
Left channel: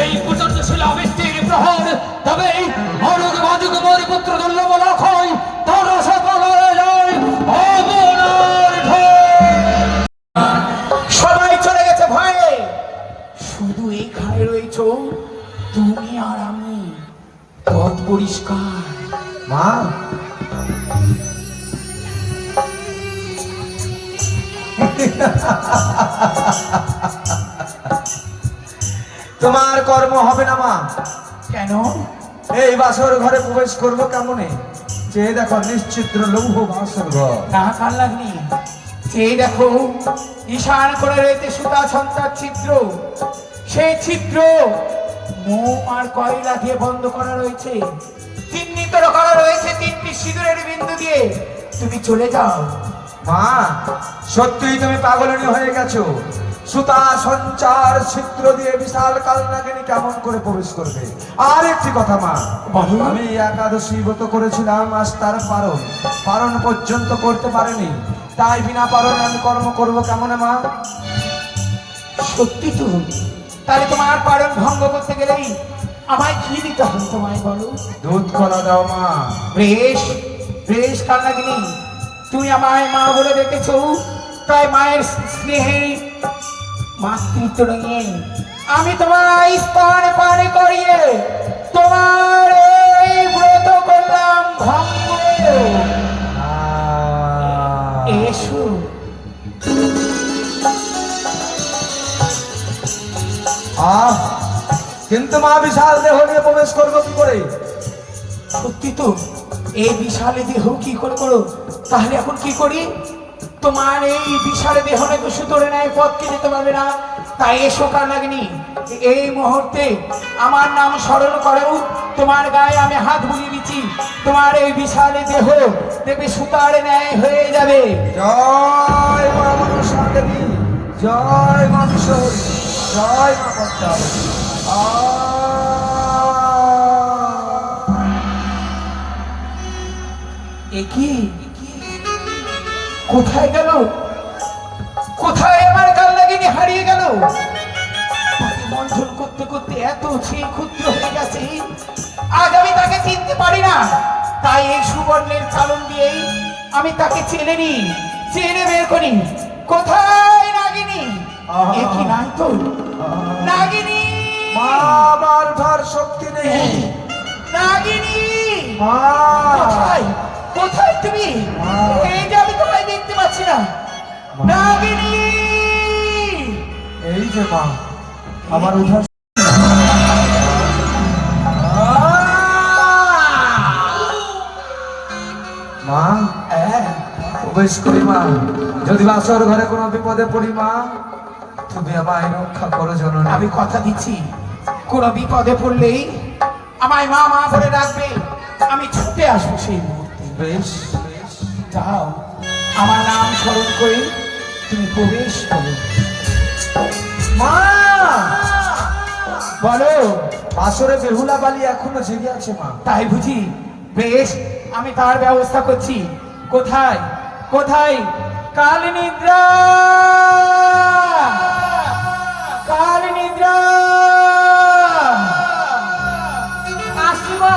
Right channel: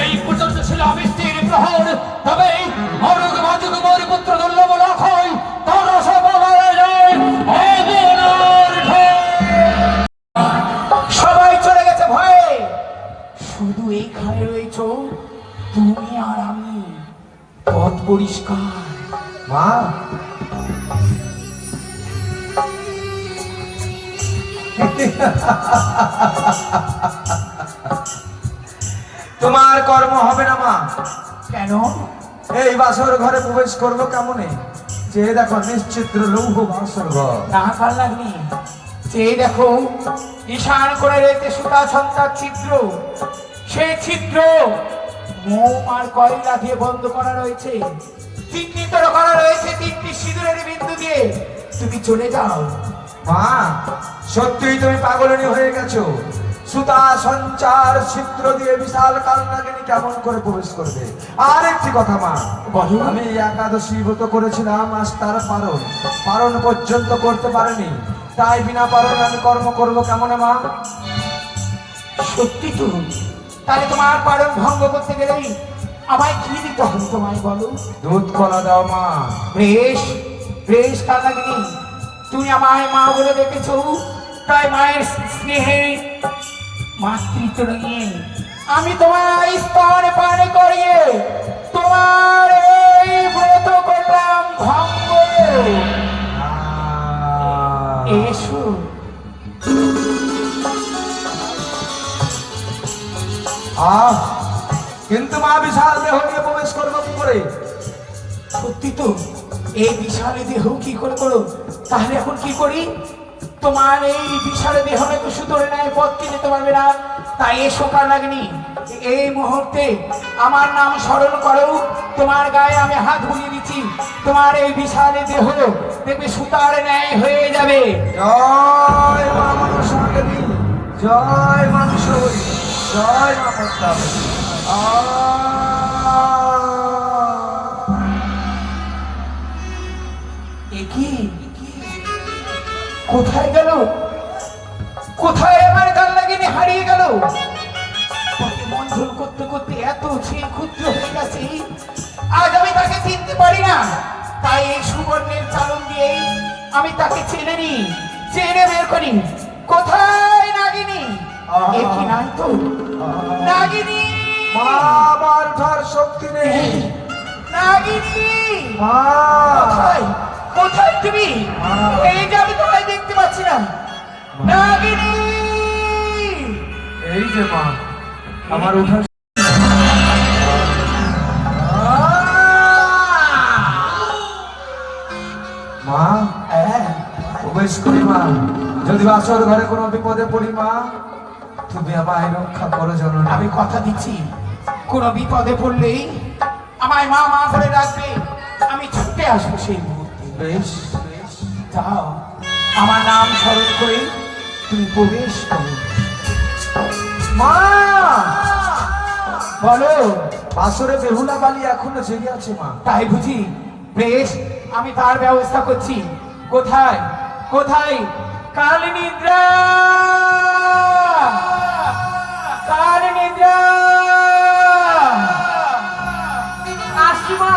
এই পর্যন্ত ছিল বৃষ্টির প্রহর, তবে অরুগ বাজুক মোর পুত্র দুর্লভ লক্ষণ তার সফল হয়ে যায় অবনার ঢল। সবাই চলে গেছে ভয়ে, শুধু এইখানে রয়েছ তুমি আর আমি। পথ পরিষ্কার। মা, তোমার কর্ম হবে না মা। কেন? এই বাসর ঘরে প্রবেশ করলো কেমনে? যে দেখো নিশ্চিত্র লৌহ বাসর ঘর। না কাল লাগনি, এই দেখো ঈশান করে রয়েছে সুতা ছন্তার ছিদ্র। সেই ছিদ্র মোম আর কয়লা দিয়ে বন্ধ করা রয়েছে। চিহ্নিত করা রয়েছে তিনটি সিঁদুরের বিন্দু দিয়ে। তুমি চলে যাও। মা, সত্যিই তুমি পাগলনি হয়ে গেছো। সুতা সঞ্চার ছিদ্র দিয়ে বিশাল কালনাগিনী কেমন করে প্রবেশ করবে? আর একটি কথা মা, বলো। আমি একাদশী ব্রত করেছিলাম, আজ তার পারণ পর্যন্ত করতে পারেনি। তাই বিনা পারণ আমি কর্ম করবো কেমন মা? সত্যি তো? তাহলে তোমার পালন ভঙ্গ করতে গেলেই আমায় কি দিতে হবে তোমায় বলো? দুধ কলা দাও মা। বেশ বেশ কালনাগিনী, তুমি আমায় মা বলে ডেকেছো, তাই মায়ের স্নেহে মাতৃত্ব নিয়ে আমি তোমার স্তন পান করিয়ে তোমার এই ব্রত করলাম ভঙ্গ। এসো। কিন্তু মা বিশাল দেহ নিয়ে প্রবেশ করবো কি করে? সত্যি তো? এই বিশাল দেহ কি করে করো? তাহলে এখন কি করি? তোমার এই বিশাল দেহ তো সুতরে নেয় পথকে যেতে পারবে না। তাই এসো কালনাগিনী, এই মুহূর্তে আমার নাম স্মরণ করো। তোমার গায়ে আমি হাত বুলিয়ে দিচ্ছি। তোমার এই বিশাল দেহ দেখবে সুতার ন্যায় হয়ে যাবে। জয় মা মনসাদেবী, জয় মা বিশ্বরী, জয় মা পদ্মা। একই কোথায় গেল? কোথায় আমার কালনাগিনী হারিয়ে গেল? তাকে মন্থন করতে করতে এত সেই ক্ষুদ্র হয়ে গেছে, আজ আমি তাকে চিনতে পারি না। তাই এই সুবর্ণের চালন দিয়েই আমি তাকে চেনে বের করি। কোথায় নাগিনী? একই নাই তো নাগিনী। মা, আমার ধার শক্তি নেই। নাগিনী মা, কোথায়? কোথায় তুমি? এই যে আমি তোমায় দেখতে পাচ্ছি না। নাগিনী, এই যে মা, আমার উঠার মা, প্রবেশ করি মা। যদি বাসর ঘরে কোনো বিপদে পড়ি মা, তুমি আমায় রক্ষা করো যেন। আমি কথা দিচ্ছি, কোনো বিপদে পড়লেই আমায় মা মা করে ডাকবে, আমি ছুটে আসবো সেই মুহূর্তে। বেশ বেশ। যাও, আমার নাম স্মরণ করে তুমি প্রবেশ করো। মা, বলো। বাসরে বেহুলা বালি এখনো জেগে আছে মা। তাই বুঝি? বেশ, আমি তার ব্যবস্থা করছি। কোথায় কোথায় কাল নিদ্রা, কাল নিদ্রা। আসছি মা।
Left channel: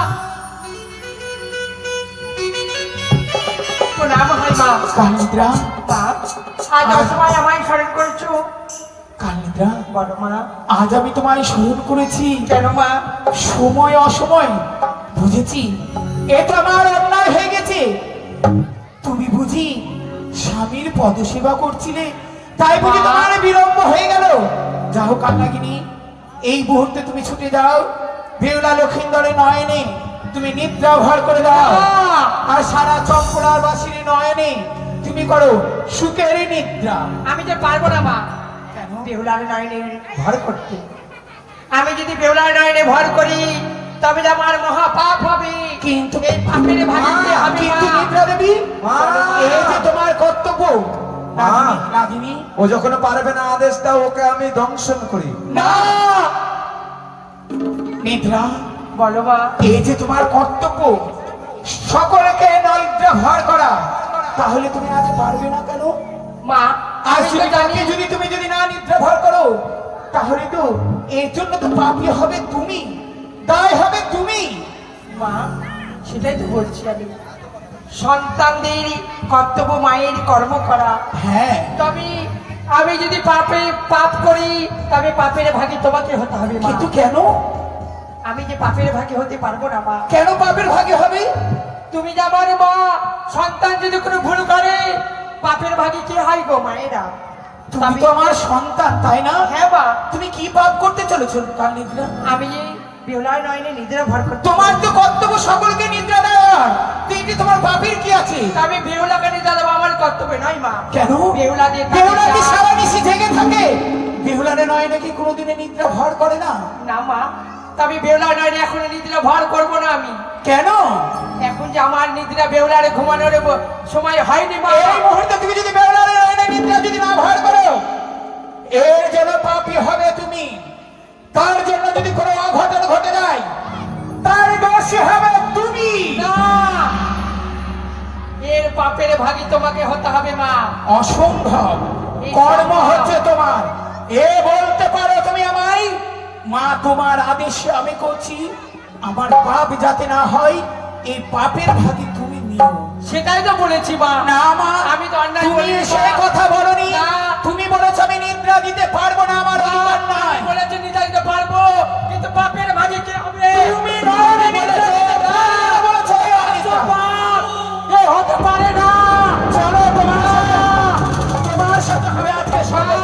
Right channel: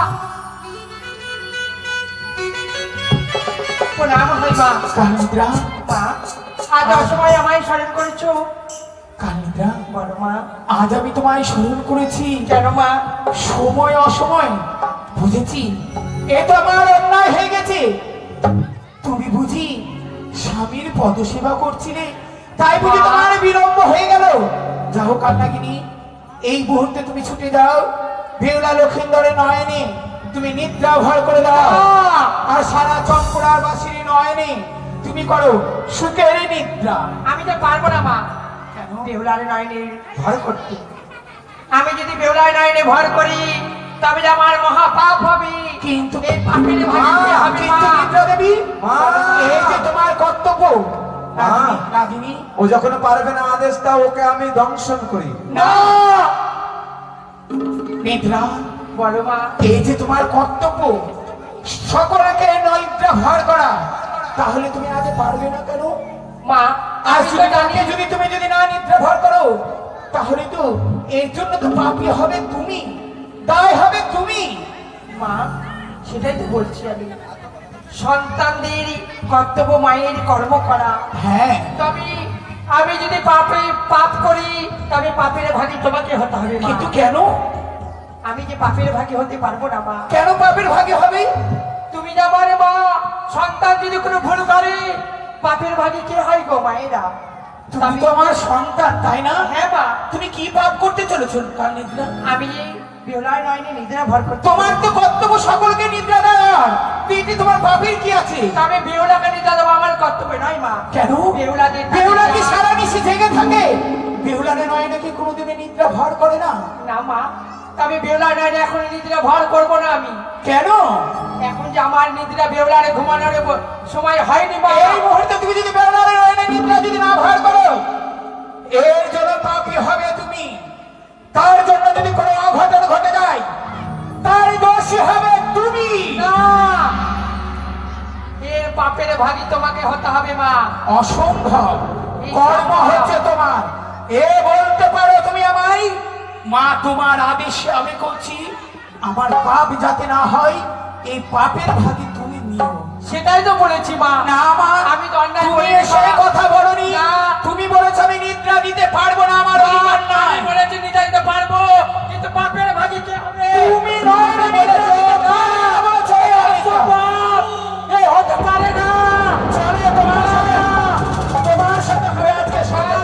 প্রণাম হই মা। কাল নিদ্রা, মা, আজ অসময় আমায় স্মরণ করছো? কাল নিদ্রা, বলো মা। আজ আমি তোমায় স্মরণ করেছি কেন মা? সময় অসময় বুঝেছি, এ তো আমার অন্যায় হয়ে গেছে। তুমি বুঝি স্বামীর পদসেবা করছিলে, তাই বুঝি তোমার বিলম্ব হয়ে গেল। যাও কান্নাগিনী, এই মুহূর্তে তুমি ছুটে যাও বেহুলা লক্ষিন্দরের নয়নে তুমি নিদ্রা ভর করে দাও, আর সারা চম্পড়ার বাসির নয়নে তুমি করো সুখের নিদ্রা। আমি যে পারবো না মা। কেন? বেহুলার নাইনে ভর করতে। আমি যদি বেহুলার নাইনে ভর করি তবে যে আমার মহা পাপ হবে। কিন্তু এই পাপের ভাগী কে হবে কিন্তু মা? নিদ্রা দেবী, মা! এই যে তোমার কর্তব্য। মা! নাগিনী, ও যখন পারবে না আদেশ দাও, ওকে আমি দংশন করি। না নিদ্রা, বলো মা। এই যে তোমার কর্তব্য সকলকে নিদ্রা ভর করা, তাহলে তুমি আজ পারবে না কেন? মা, আর আমি তো যদি জানি কালকে যদি তুমি যদি না নিদ্রা ভর করো, তাহলে তো এর জন্য তো পাপী হবে তুমি, দায় হবে তুমি। মা, সেটাই তো বলছি আমি। সন্তানদের কর্তব্য মায়ের কর্ম করা। হ্যাঁ, তবে আমি যদি পাপ করি তবে পাপের ভাগী তোমাকে হতে হবে মা। কিন্তু কেন? আমি যে পাপের ভাগী হতে পারবো না মা। কেন পাপের ভাগে হবে? তুমি যাবার মা, সন্তান যদি কোনো ভুল করে পাপের ভাগী কে হয় গো মায়েরা? তুমি তো আমার সন্তান, তাই না? হ্যাঁ মা, তুমি কি পাপ করতে চলেছো কাল নিদ্রা? আমি বিহুলায় নয়নে নিদ্রা ভর করতে। তোমার তো কর্তব্য সকলকে নিদ্রা দেওয়ার, এতে তোমার পাপের কি আছে? তবে বেহুলাকে নিদ্রা দেবো আমার কর্তব্য নয় মা। কেন? বেহুলাদের বেহুলা কি সারা নিশি জেগে থাকে? বেহুলারে নয় নাকি কোনোদিনে নিদ্রা ভর করে না? না মা, তবে বেহুলায় নয়নে এখন নিদ্রা ভর করবো না আমি। কেন? এখন যে আমার নিদ্রা বেহুলারে ঘুমানোর সময় হয়নি মা। এই মুহূর্তে তুমি যদি বেহুলারে নয় না নিদ্রা যদি না ভর করো, এর জন্য পাপী হবে তুমি। তার জন্য যদি কোনো অঘটন ঘটে যায়, তার দোষী হবে তুমি। না, এর পাপের ভাগী তোমাকে হতে হবে মা। অসম্ভব কর্ম হচ্ছে তোমার। এ বলতে পারো তুমি আমায়, মা তোমার আদেশে আমি করছি, আমার পাপ যাতে না হয় এই পাপের ভাগী তুমি নিও। সেটাই তো বলেছি মা। না মা, আমি তো অন্যায় তুমি করিনি, সেই মা। কথা বলনি। না। তুমি বলেছ আমি নিদ্রা দিতে পারবো না, আমার অধিকার নাই। আমি বলেছি নিদ্রা দিতে পারবো, কিন্তু পাপের ভাগী কে হবে? তুমি নয়নে নিদ্রা দিতে পারবে না বলেছো। এ হতে পারে না। চলো তোমার সাথে হয়ে আজকে সন্ধ্যা।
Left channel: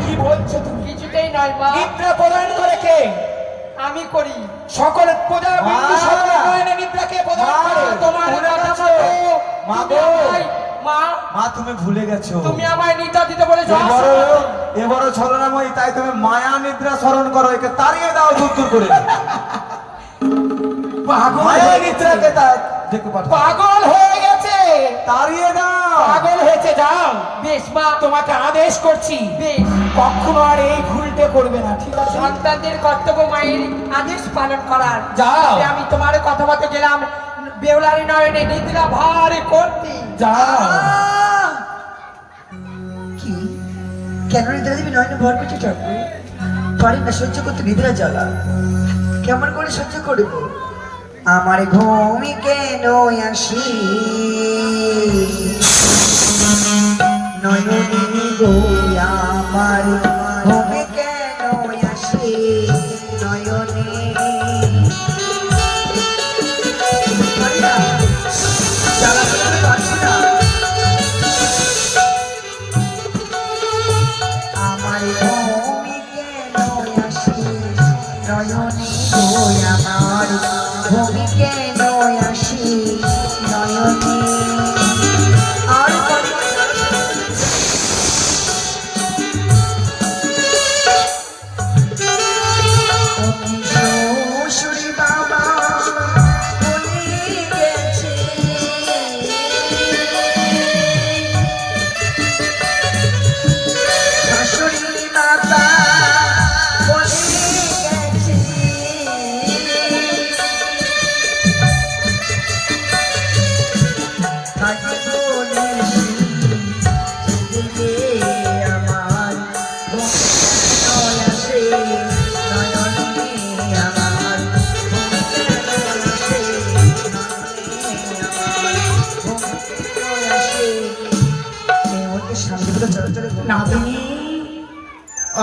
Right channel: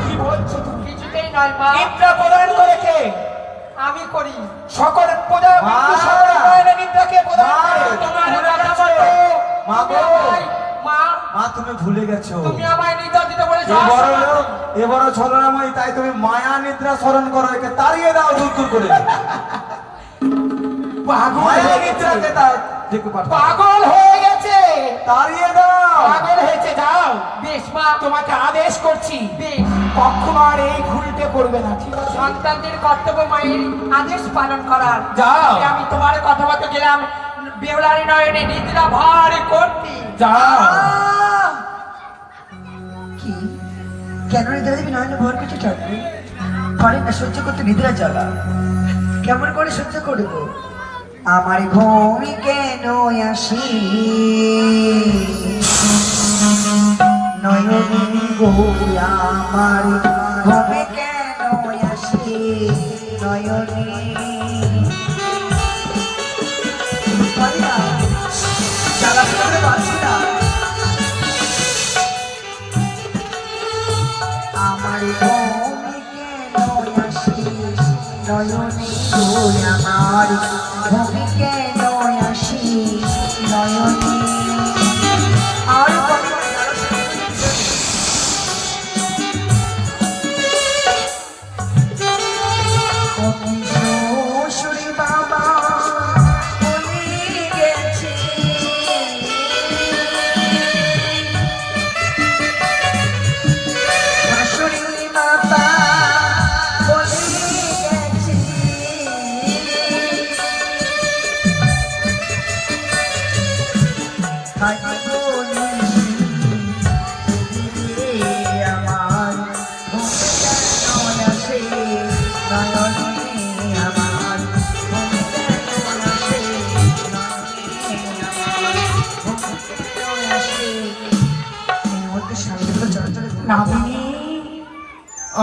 কি বলছো তুমি? কিছুতেই নয় মা, নিদ্রা প্রদান করে কে? আমি করি। সকল প্রজা বিন্দু মা! সকল নয়নে নিদ্রাকে প্রদান মা! করে। তোমার ভুলে কথা গেছো। মতো মা তুমি গো। আমায়- মা, মা, তুমি ভুলে গেছো। তুমি আমায় নিদ্রা দিতে বলেছো। এবারে ছলনাময়ী, তাই তুমি মায়া নিদ্রা স্মরণ করো, একে তাড়িয়ে দাও দূর দূর করে। পাগল মায়া হয়ে নিদ্রাকে গেছে। দেখতে পারতো। পাগল হয়ে গেছে। তাড়িয়ে দাও। পাগল হয়েছে, যাও। বেশ মা, তোমাকে আদেশ করছি, বেশ। কখনো আর এই ভুলটা করবে না, ঠিক আছে? সন্তানদের কর্তব্য মায়ের আদেশ পালন করার। যাও। তবে আমি তোমার কথা মতো গেলাম বেহুলারি নয়নে নিদ্রা ভার করতে। যাও। কি কেন নিদ্রা দেবী নয়নে ভর করছে ঠাকুর? পারি না সহ্য করতে নিদ্রা জ্বালা, কেমন করে সহ্য করব? আমার ভূমি কেন আসি নয়নী গো, আমার ভূমি কেন আসি নয়নী। পারি না, জ্বালা করতে পারছি না। আমার ভূমি কেন আসি নয়নী গো, আমার ভূমি কেন আসি নয়নী। আর পারি না, শ্বশুরি বাবা বলে গেছে, শাশুড়ি মাতা বলে গেছে,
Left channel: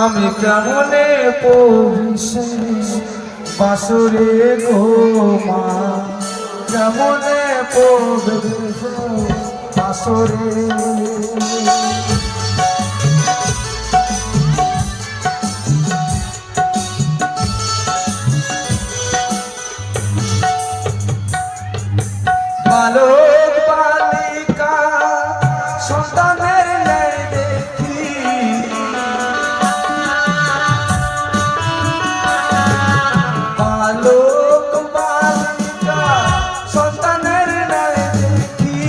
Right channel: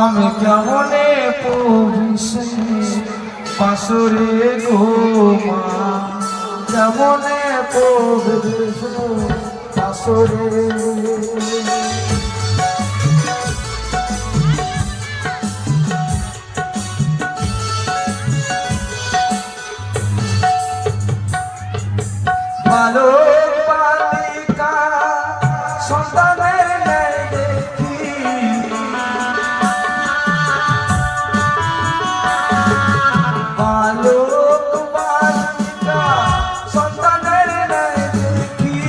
আমি কেমনে পৌঁছে বাসরে গো মা, কেমনে পৌঁছে বাসরে। ভালো বালিকা সন্তানের ন্যায় দেখি, ভালো বালিকা সন্তানের ন্যায় দেখি।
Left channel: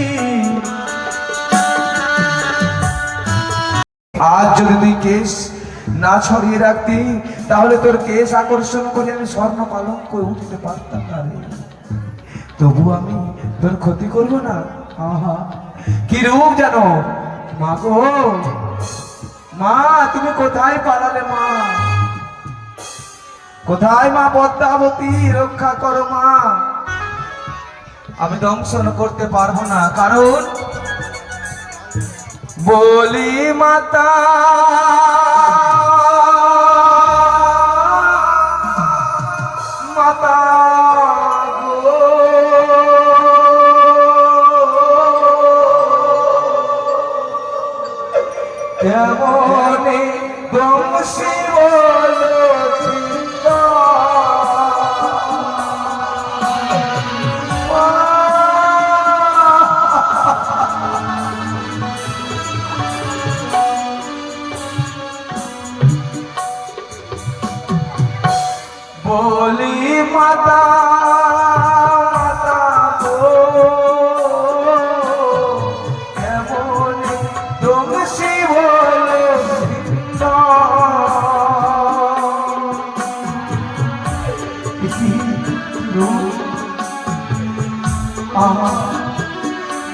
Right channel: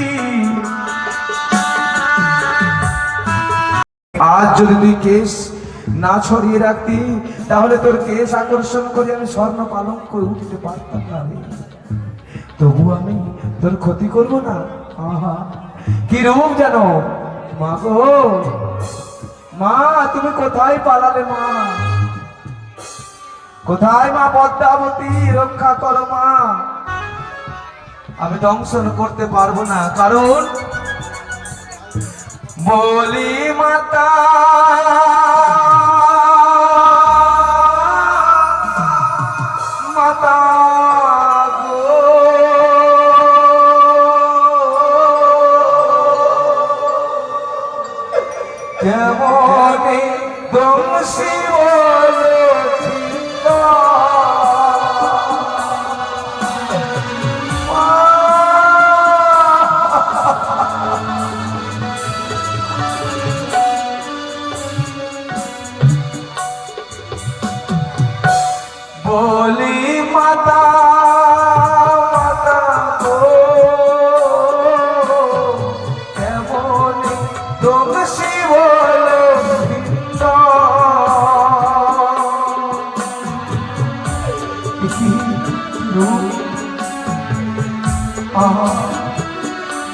আজ যদি তুই কেশ না ছড়িয়ে রাখতি, তাহলে তোর কেশ আকর্ষণ করে আমি স্বর্ণ পালন করে উঠতে পারতাম না রে। তবু আমি তোর ক্ষতি করবো না। আহা কি রূপ জানো মা গো, মা তুমি কোথায় পালালে মা, কোথায় মা পদ্মাবতী, রক্ষা করো মা। আমি দংশন করতে পারবো না, কারণ বলি মাতা মাতা গো, কেমনে দংশি বলি মাতা মাতা গো, কেমনে দংশি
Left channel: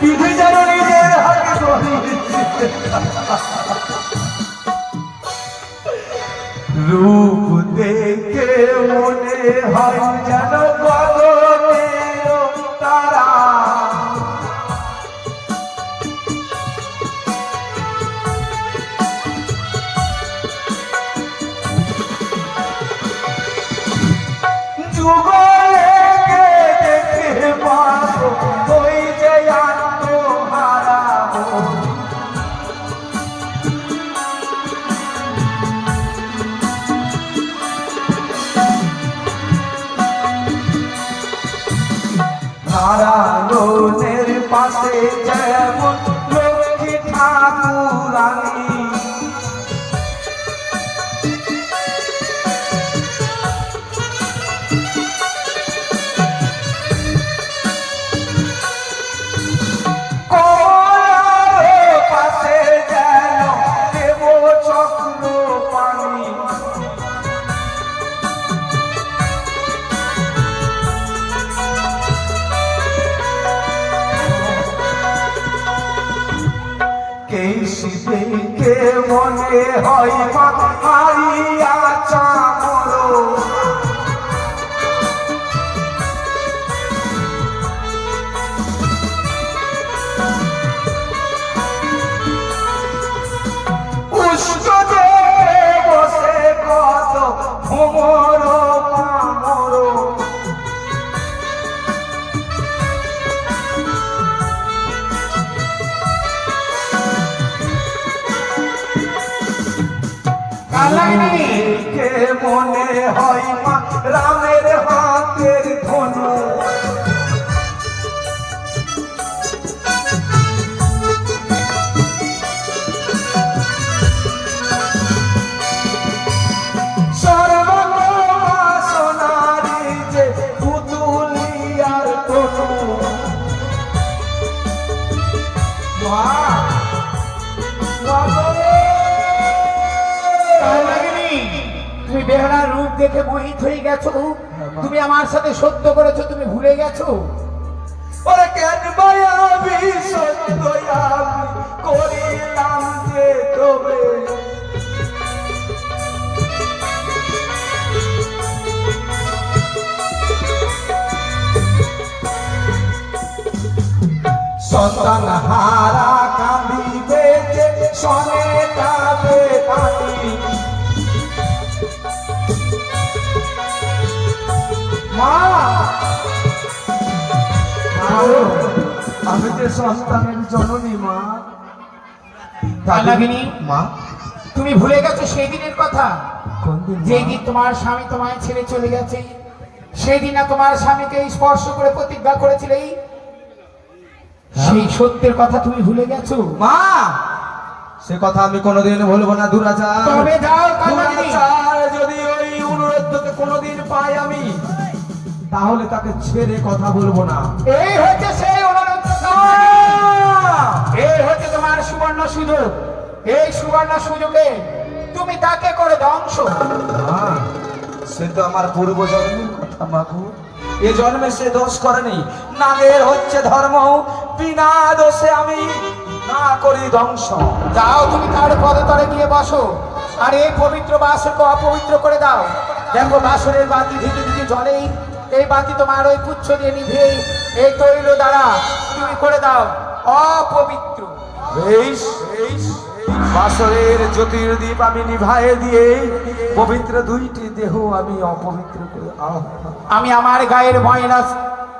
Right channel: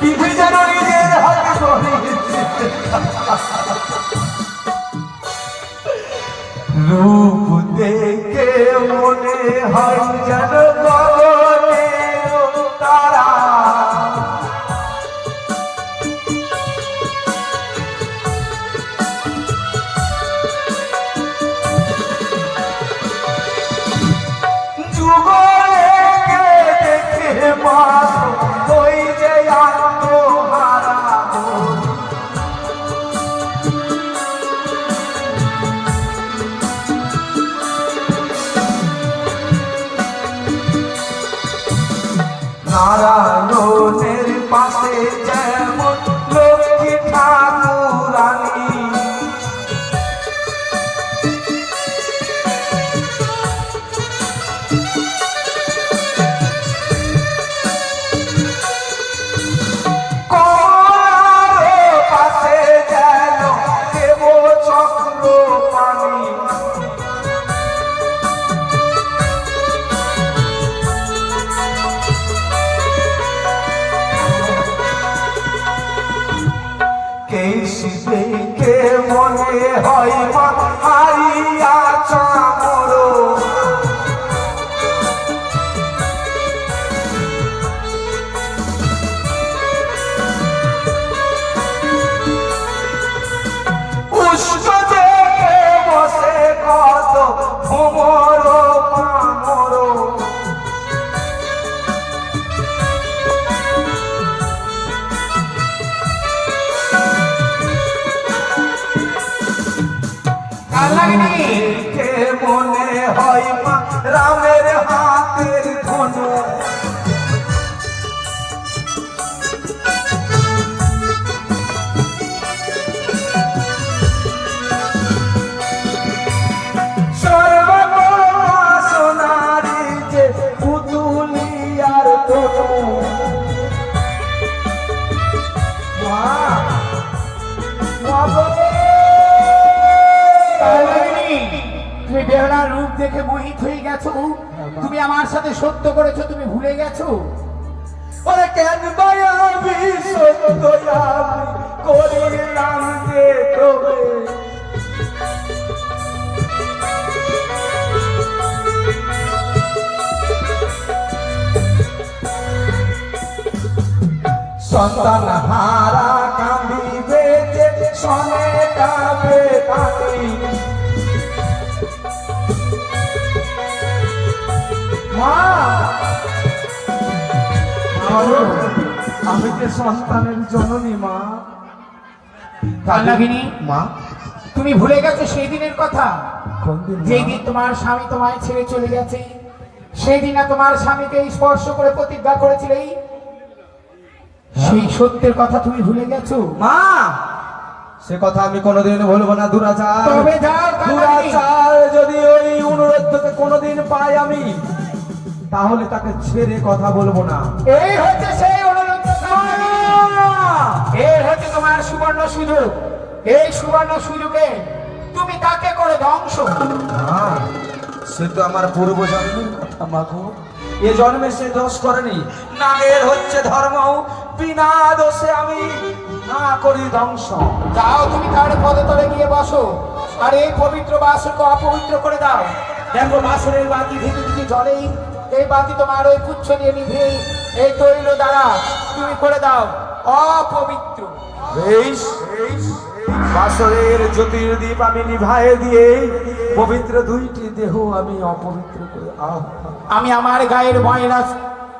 বিধি জানো নিজের হাতে ধরিয়েছে। রূপ দেখে মনে হয় যেন গগনের তারা, যুগকে দেখে মাস ওই যে আত্মহারা নারায়ণের পাশে যেমন লক্ষ্মী ঠাকুরানী, কমলার পাশে যেন দেব চক্র পানি, কেশি দেখে মনে হয় মা হারিয়া চামর, উষ্ণ দেখে বসে কত ভ্রমর কামর, দেখে মনে হয় মা রামের হাতের ধনু, সর্বমঙ্গলা সোনারি যে পুতুলিয়ার তনু। মা তুমি বেহালার রূপ দেখে মোহিত হয়ে গেছো, তুমি আমার সাথে সত্য করেছো, তুমি ভুলে গেছো। ওরে কেন মায়াবি সত্য আমি করিলাম যে তবে, সন্তান হারা কাঁদিবে যে সনে কাঁদে পানি, আমি তো সন্তানের জননী মা। কালাগিনী, মা, তুমি ভুলে গেছো সেই দিনের কথা? কোন দিন মা? যেই দিন তোমার স্বামী তোমায় ছেড়ে চলে গেছে, সেই দিন না তোমার স্বামীকে স্পর্শ করে প্রতিজ্ঞা করেছিলে, সেই সত্যের কথা তুমি ভুলে গেছো? মা, সে কথা আমি কোনোদিন ভুলবো না দুরাচার। তবে যাও কালাগিনী। দুরাচার যদি ওই অনুরোধকে কোনোদিন পাই আমি, তাহলে তাকে ছেড়ে কথা বলবো না। এই হচ্ছে সেই অনুরোধ, এই হচ্ছে তোমার সুবর্ণ সুযোগ। এই সুবর্ণ সুযোগে তুমি তাকে করে ধ্বংস। মা, সে তো আমার পূর্ব জন্মের কথা মাগো। এ জন্মে সে দোষ করেনি। নাগের হচ্ছে ধর্ম, বিনা দোষে আমি না করি ধ্বংস। যাও তুমি তার পদতলে গিয়ে বসো, আর এই পবিত্র বাসকে অপবিত্র করে দাও। দেখো বাসনের বাতি ধীরে ধীরে জ্বলেই, এই বাতি তোমার ওই পুচ্ছ দিয়ে নিভেই এই তৈল দ্বারা তুমি করে দাও অপবিত্র। বেশ, বাসরের জ্যোতির্দীপ আমি নিভায়ে দিয়ে পবিত্র দুইটি দেহ আমি অপবিত্র করে আমি আমার গায়ের ময়লা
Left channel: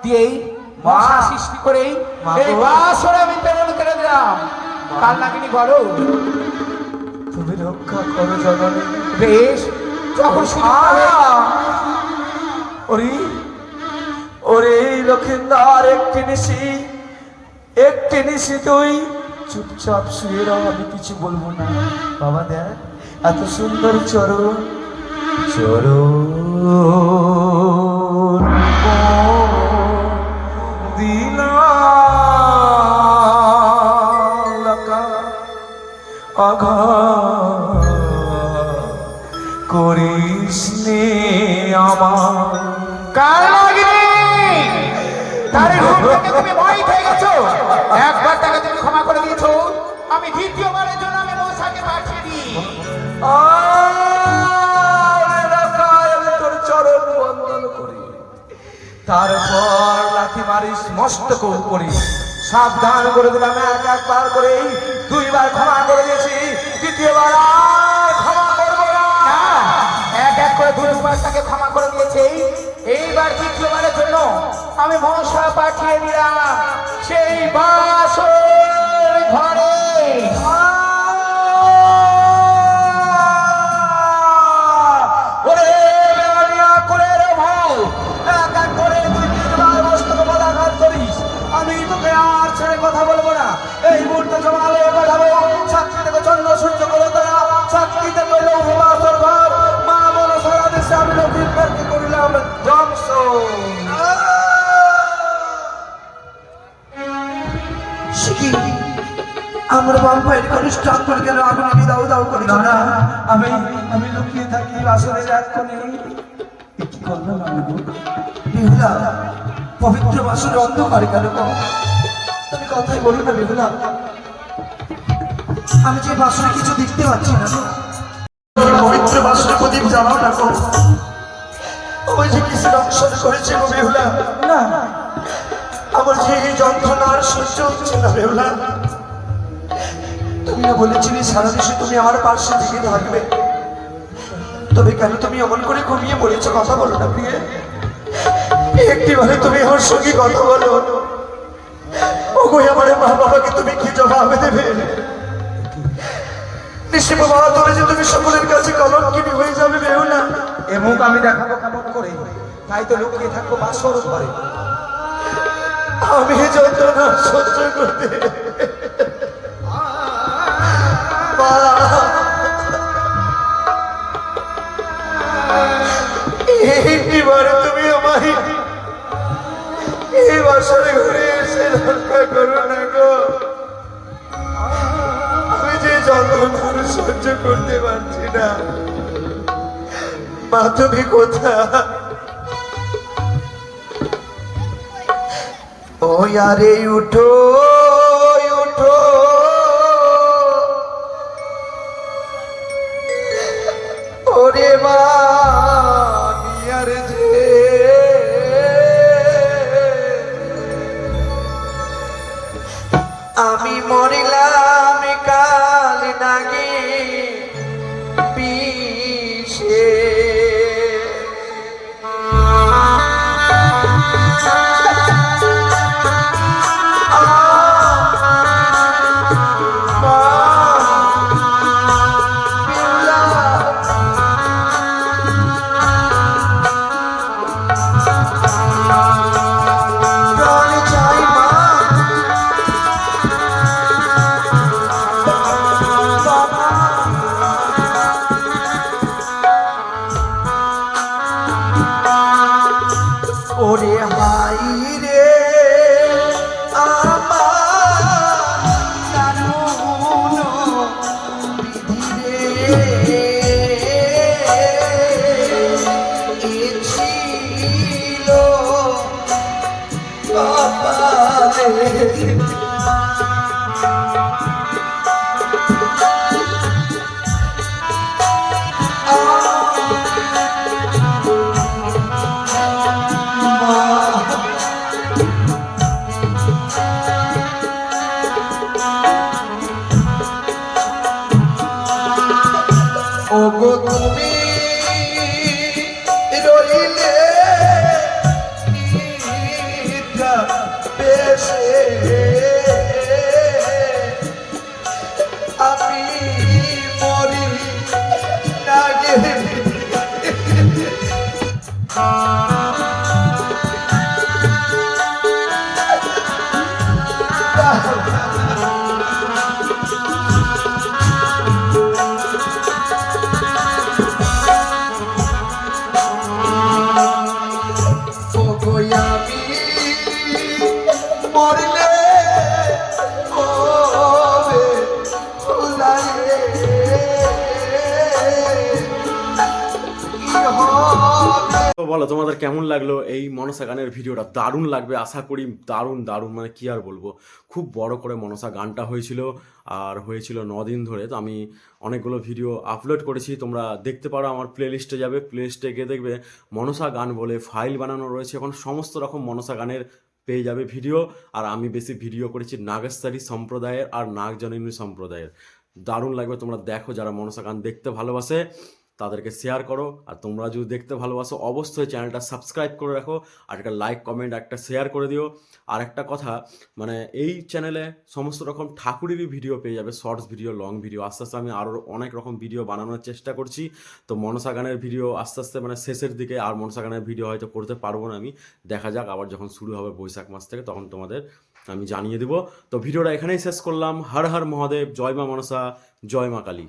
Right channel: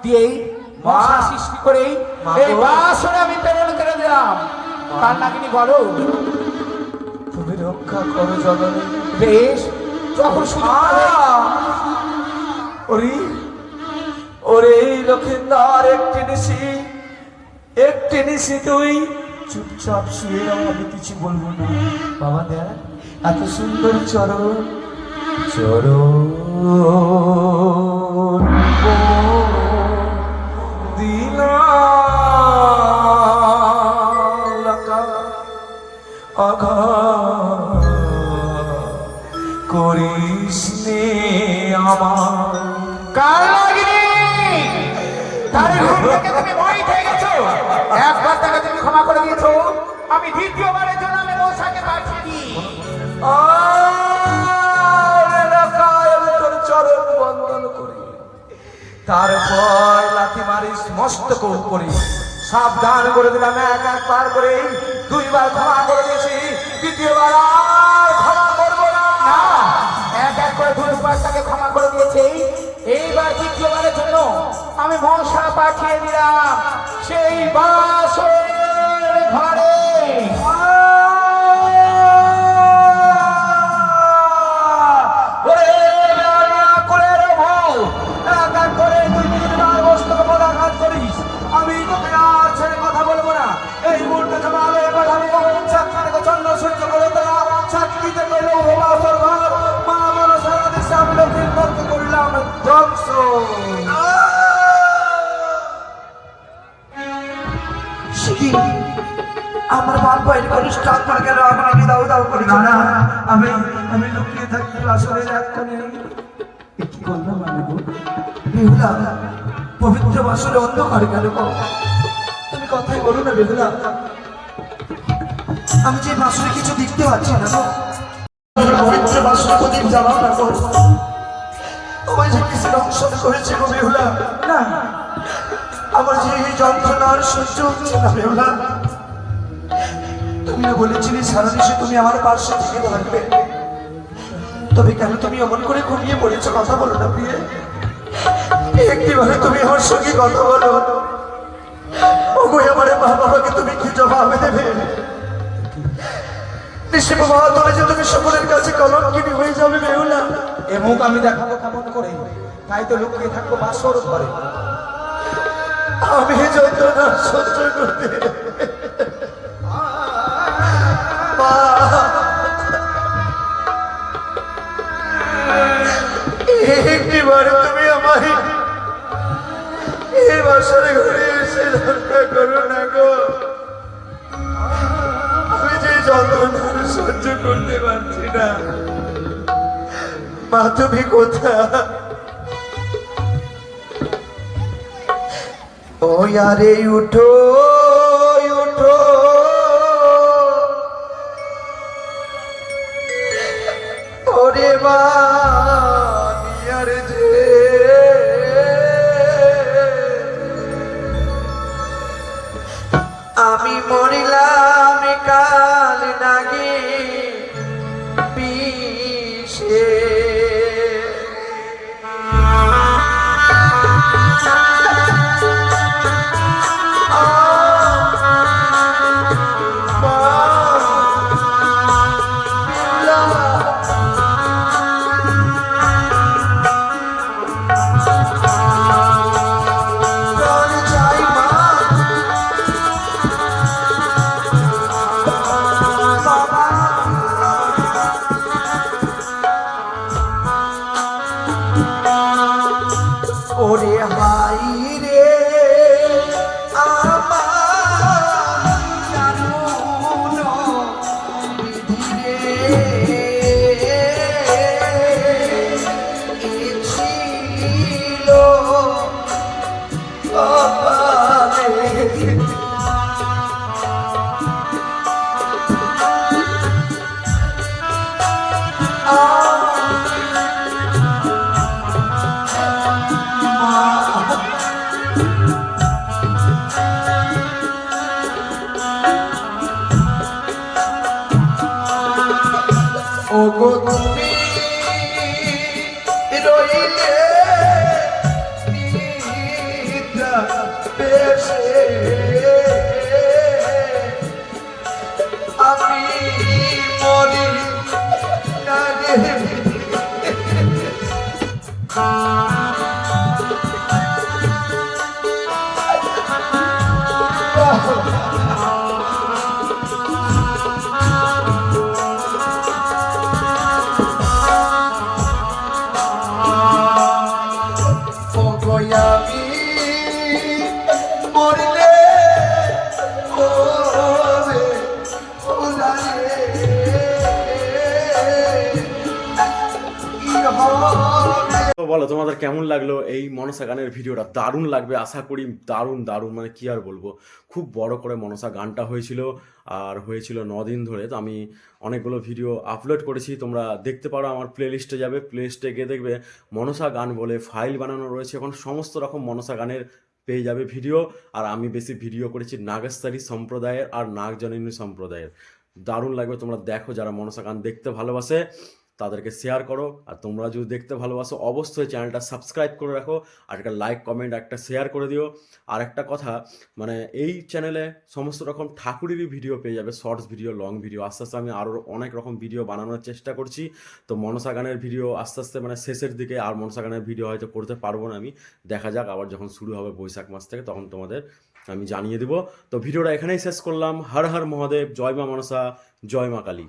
দিয়েই মশা সৃষ্টি করেই এই বাসরে আমি প্রেরণ করে দিলাম। তার নাকি বলো, তুমি রক্ষা করো জননী। বেশ, যখন সুযোগ পাবে। ওরে ওরে লক্ষিন্দার একটি নিশি তুই চুপচাপ শুয়ে রও, আমি কিছু বলবো না। বাবা দেখ, এত সুন্দর চরণ দিনা আঘা করিস নে আমার। কালাগিনী, তার রূপ দেখে তুমি ভয় পেয়ে গেছো। একবার তাকে তুমি ক্ষমা করে দিয়েছো, আমি দ্বিতীয়বারের জন্য আমি মশাকে পাঠিয়ে দিই। তোর চরণ বন্দন করি, তারপর লাথি মারিস মস্তক করি। সাবধান করে দিলাম, একবার করে দুইবার ক্ষমা করে দিয়েছি, দ্বিতীয়বার আর ক্ষমা করবো না। না, এক এক করে দুবার তাকে ক্ষমা করে দিয়েছে, এইবার দ্বিতীয়বারের জন্য আমি মশা পাঠিয়ে দিলাম সেই বাসর ঘরে। আমি তোকে আর ছেড়ে কথা বলবো না। এই মুহূর্তে জমালে পাঠাবো সাক্ষী থেকে চন্দ্র সূর্য করে তারা সাক্ষীতে করলেও ভোলাসর ঘর মা মন সারা দেশে আমি লক্ষ্মীকে করিলাম ধ্বংস। আমার বাপ ভাইয়ের মানুষ আপনার কেন আমাকে দাও দাও করে না না, আমি আমি লুকিয়ে থাকি আসলে রাত করি। কি করলাম আমি গো? বেহুলা, পবিত্র বাসুর অন্ধকার কেন গো? তুমি কথাই বলো না বেদনা। আমি যে বাসুরে কিছু দেখতে পাচ্ছি না গো। পবিত্র বাসুরে প্রদীপ জ্বালাও না গো। ওই যে কিসের অংশন করেছে গো বেহুলা। না, আমার যে এই যন্ত্রণা আর সহ্য হচ্ছে না বেহুলা। তুমি না বলেছিলে সারা দেশে তুমি আমার পাশে থেকে থাকবে, তবে কেন তুমি এমন করে ঘুমিয়ে পড়েছো? কথা বলো না প্রিয়ে, একটিবারে তুমি আমার সঙ্গে কথা বলো। ওগো আমার মা বাবাকে তুমি কি জবাব দেবে? নিশ্চয় বাবা, তবে যে তুমি সকলের কাছে কলঙ্কিনী হয়ে যাবে বেহুলা। এ মুখ আমি দেখাবো কেমন করে? তাই তো লুকিয়ে থাকবো বাসর ঘরে। আমি যন্ত্রণা সহ্য করতে মা, একটিবারে তুমি আমার এই বাসরে ঘুরে এসে রক্ষা করো না গো। আমি যে যন্ত্রণা সহ্য করতে পারছি না। মা তুমি কোথায়? ও ইয়ারে উঠো উঠো, ওরে মা ইয়ারে যে আমি মরিলাম কাল নাগে বিষে। ওরে মাই রে আমার জানুন বিধি রে এ ছিল কপালে ওগো তুমি রইলে নিদ্রা বেশে আমি মরি না গে ওগো আমি মরলে ওরে ওলালে কি হবে তো বলো তোমাদের কেমন লাগলো এই মনসা গানের ভিডিওটা? দারুণ লাগবে আশা করি, দারুণ দারুণ, মানে কি আর বলবো, খুব বড় করে মনসা গানটা হয়েছিল আর হয়েছিল 9 দিন ধরে। তো আমি অনেকগুলো ভিডিও আপলোড করেছি, তোমরা দেখতে পারো, আমার প্লেলিস্টে যাবে, প্লেলিস্টে গিয়ে দেখবে মনসা গান বলে ফাইল বানানো রয়েছে, এখন সমস্ত রকম মনসা গানের পেয়ে যাবে ভিডিও। আর আমি বেশি ভিডিও করেছি নাগেশ্বরী সম্প্রদায়ের আর নাগজননী সম্প্রদায়ের। দারুণ লাগবে, তোমরা দেখো, যারা মনসা গান দেখতে ভালোবাসে তাদেরকে শেয়ার করো। আর তোমরা যদি দেখতে ভালোবাসো অবশ্যই চ্যানেলটা সাবস্ক্রাইব করে রাখো, আর একটা লাইক কমেন্ট একটা শেয়ার করে দিও। আর একটা কথা, মানে এই চ্যানেলে সমস্ত রকম ঠাকুরেরই ভিডিও পেয়ে যাবে, শর্টস ভিডিও, লং ভিডিও। আস্তে আস্তে আমি আরও অনেক রকম ভিডিও বানানোর চেষ্টা করছি। তো মনসা গানের ভিডিও আস্তে আস্তে মানে শেষের দিকে, আর মনসা গানের ভিডিও হয়তো করতে পারবো না আমি, দেখা যাক, আবার যখন শুরু হবে বৈশাখ মাস থেকে তখন তোমাদের আমি জানিয়ে দেবো। তো ভিডিওটা এখানেই শেষ করলাম। হর হর মহাদেব, জয় মা মনসা, জয় মা কালী।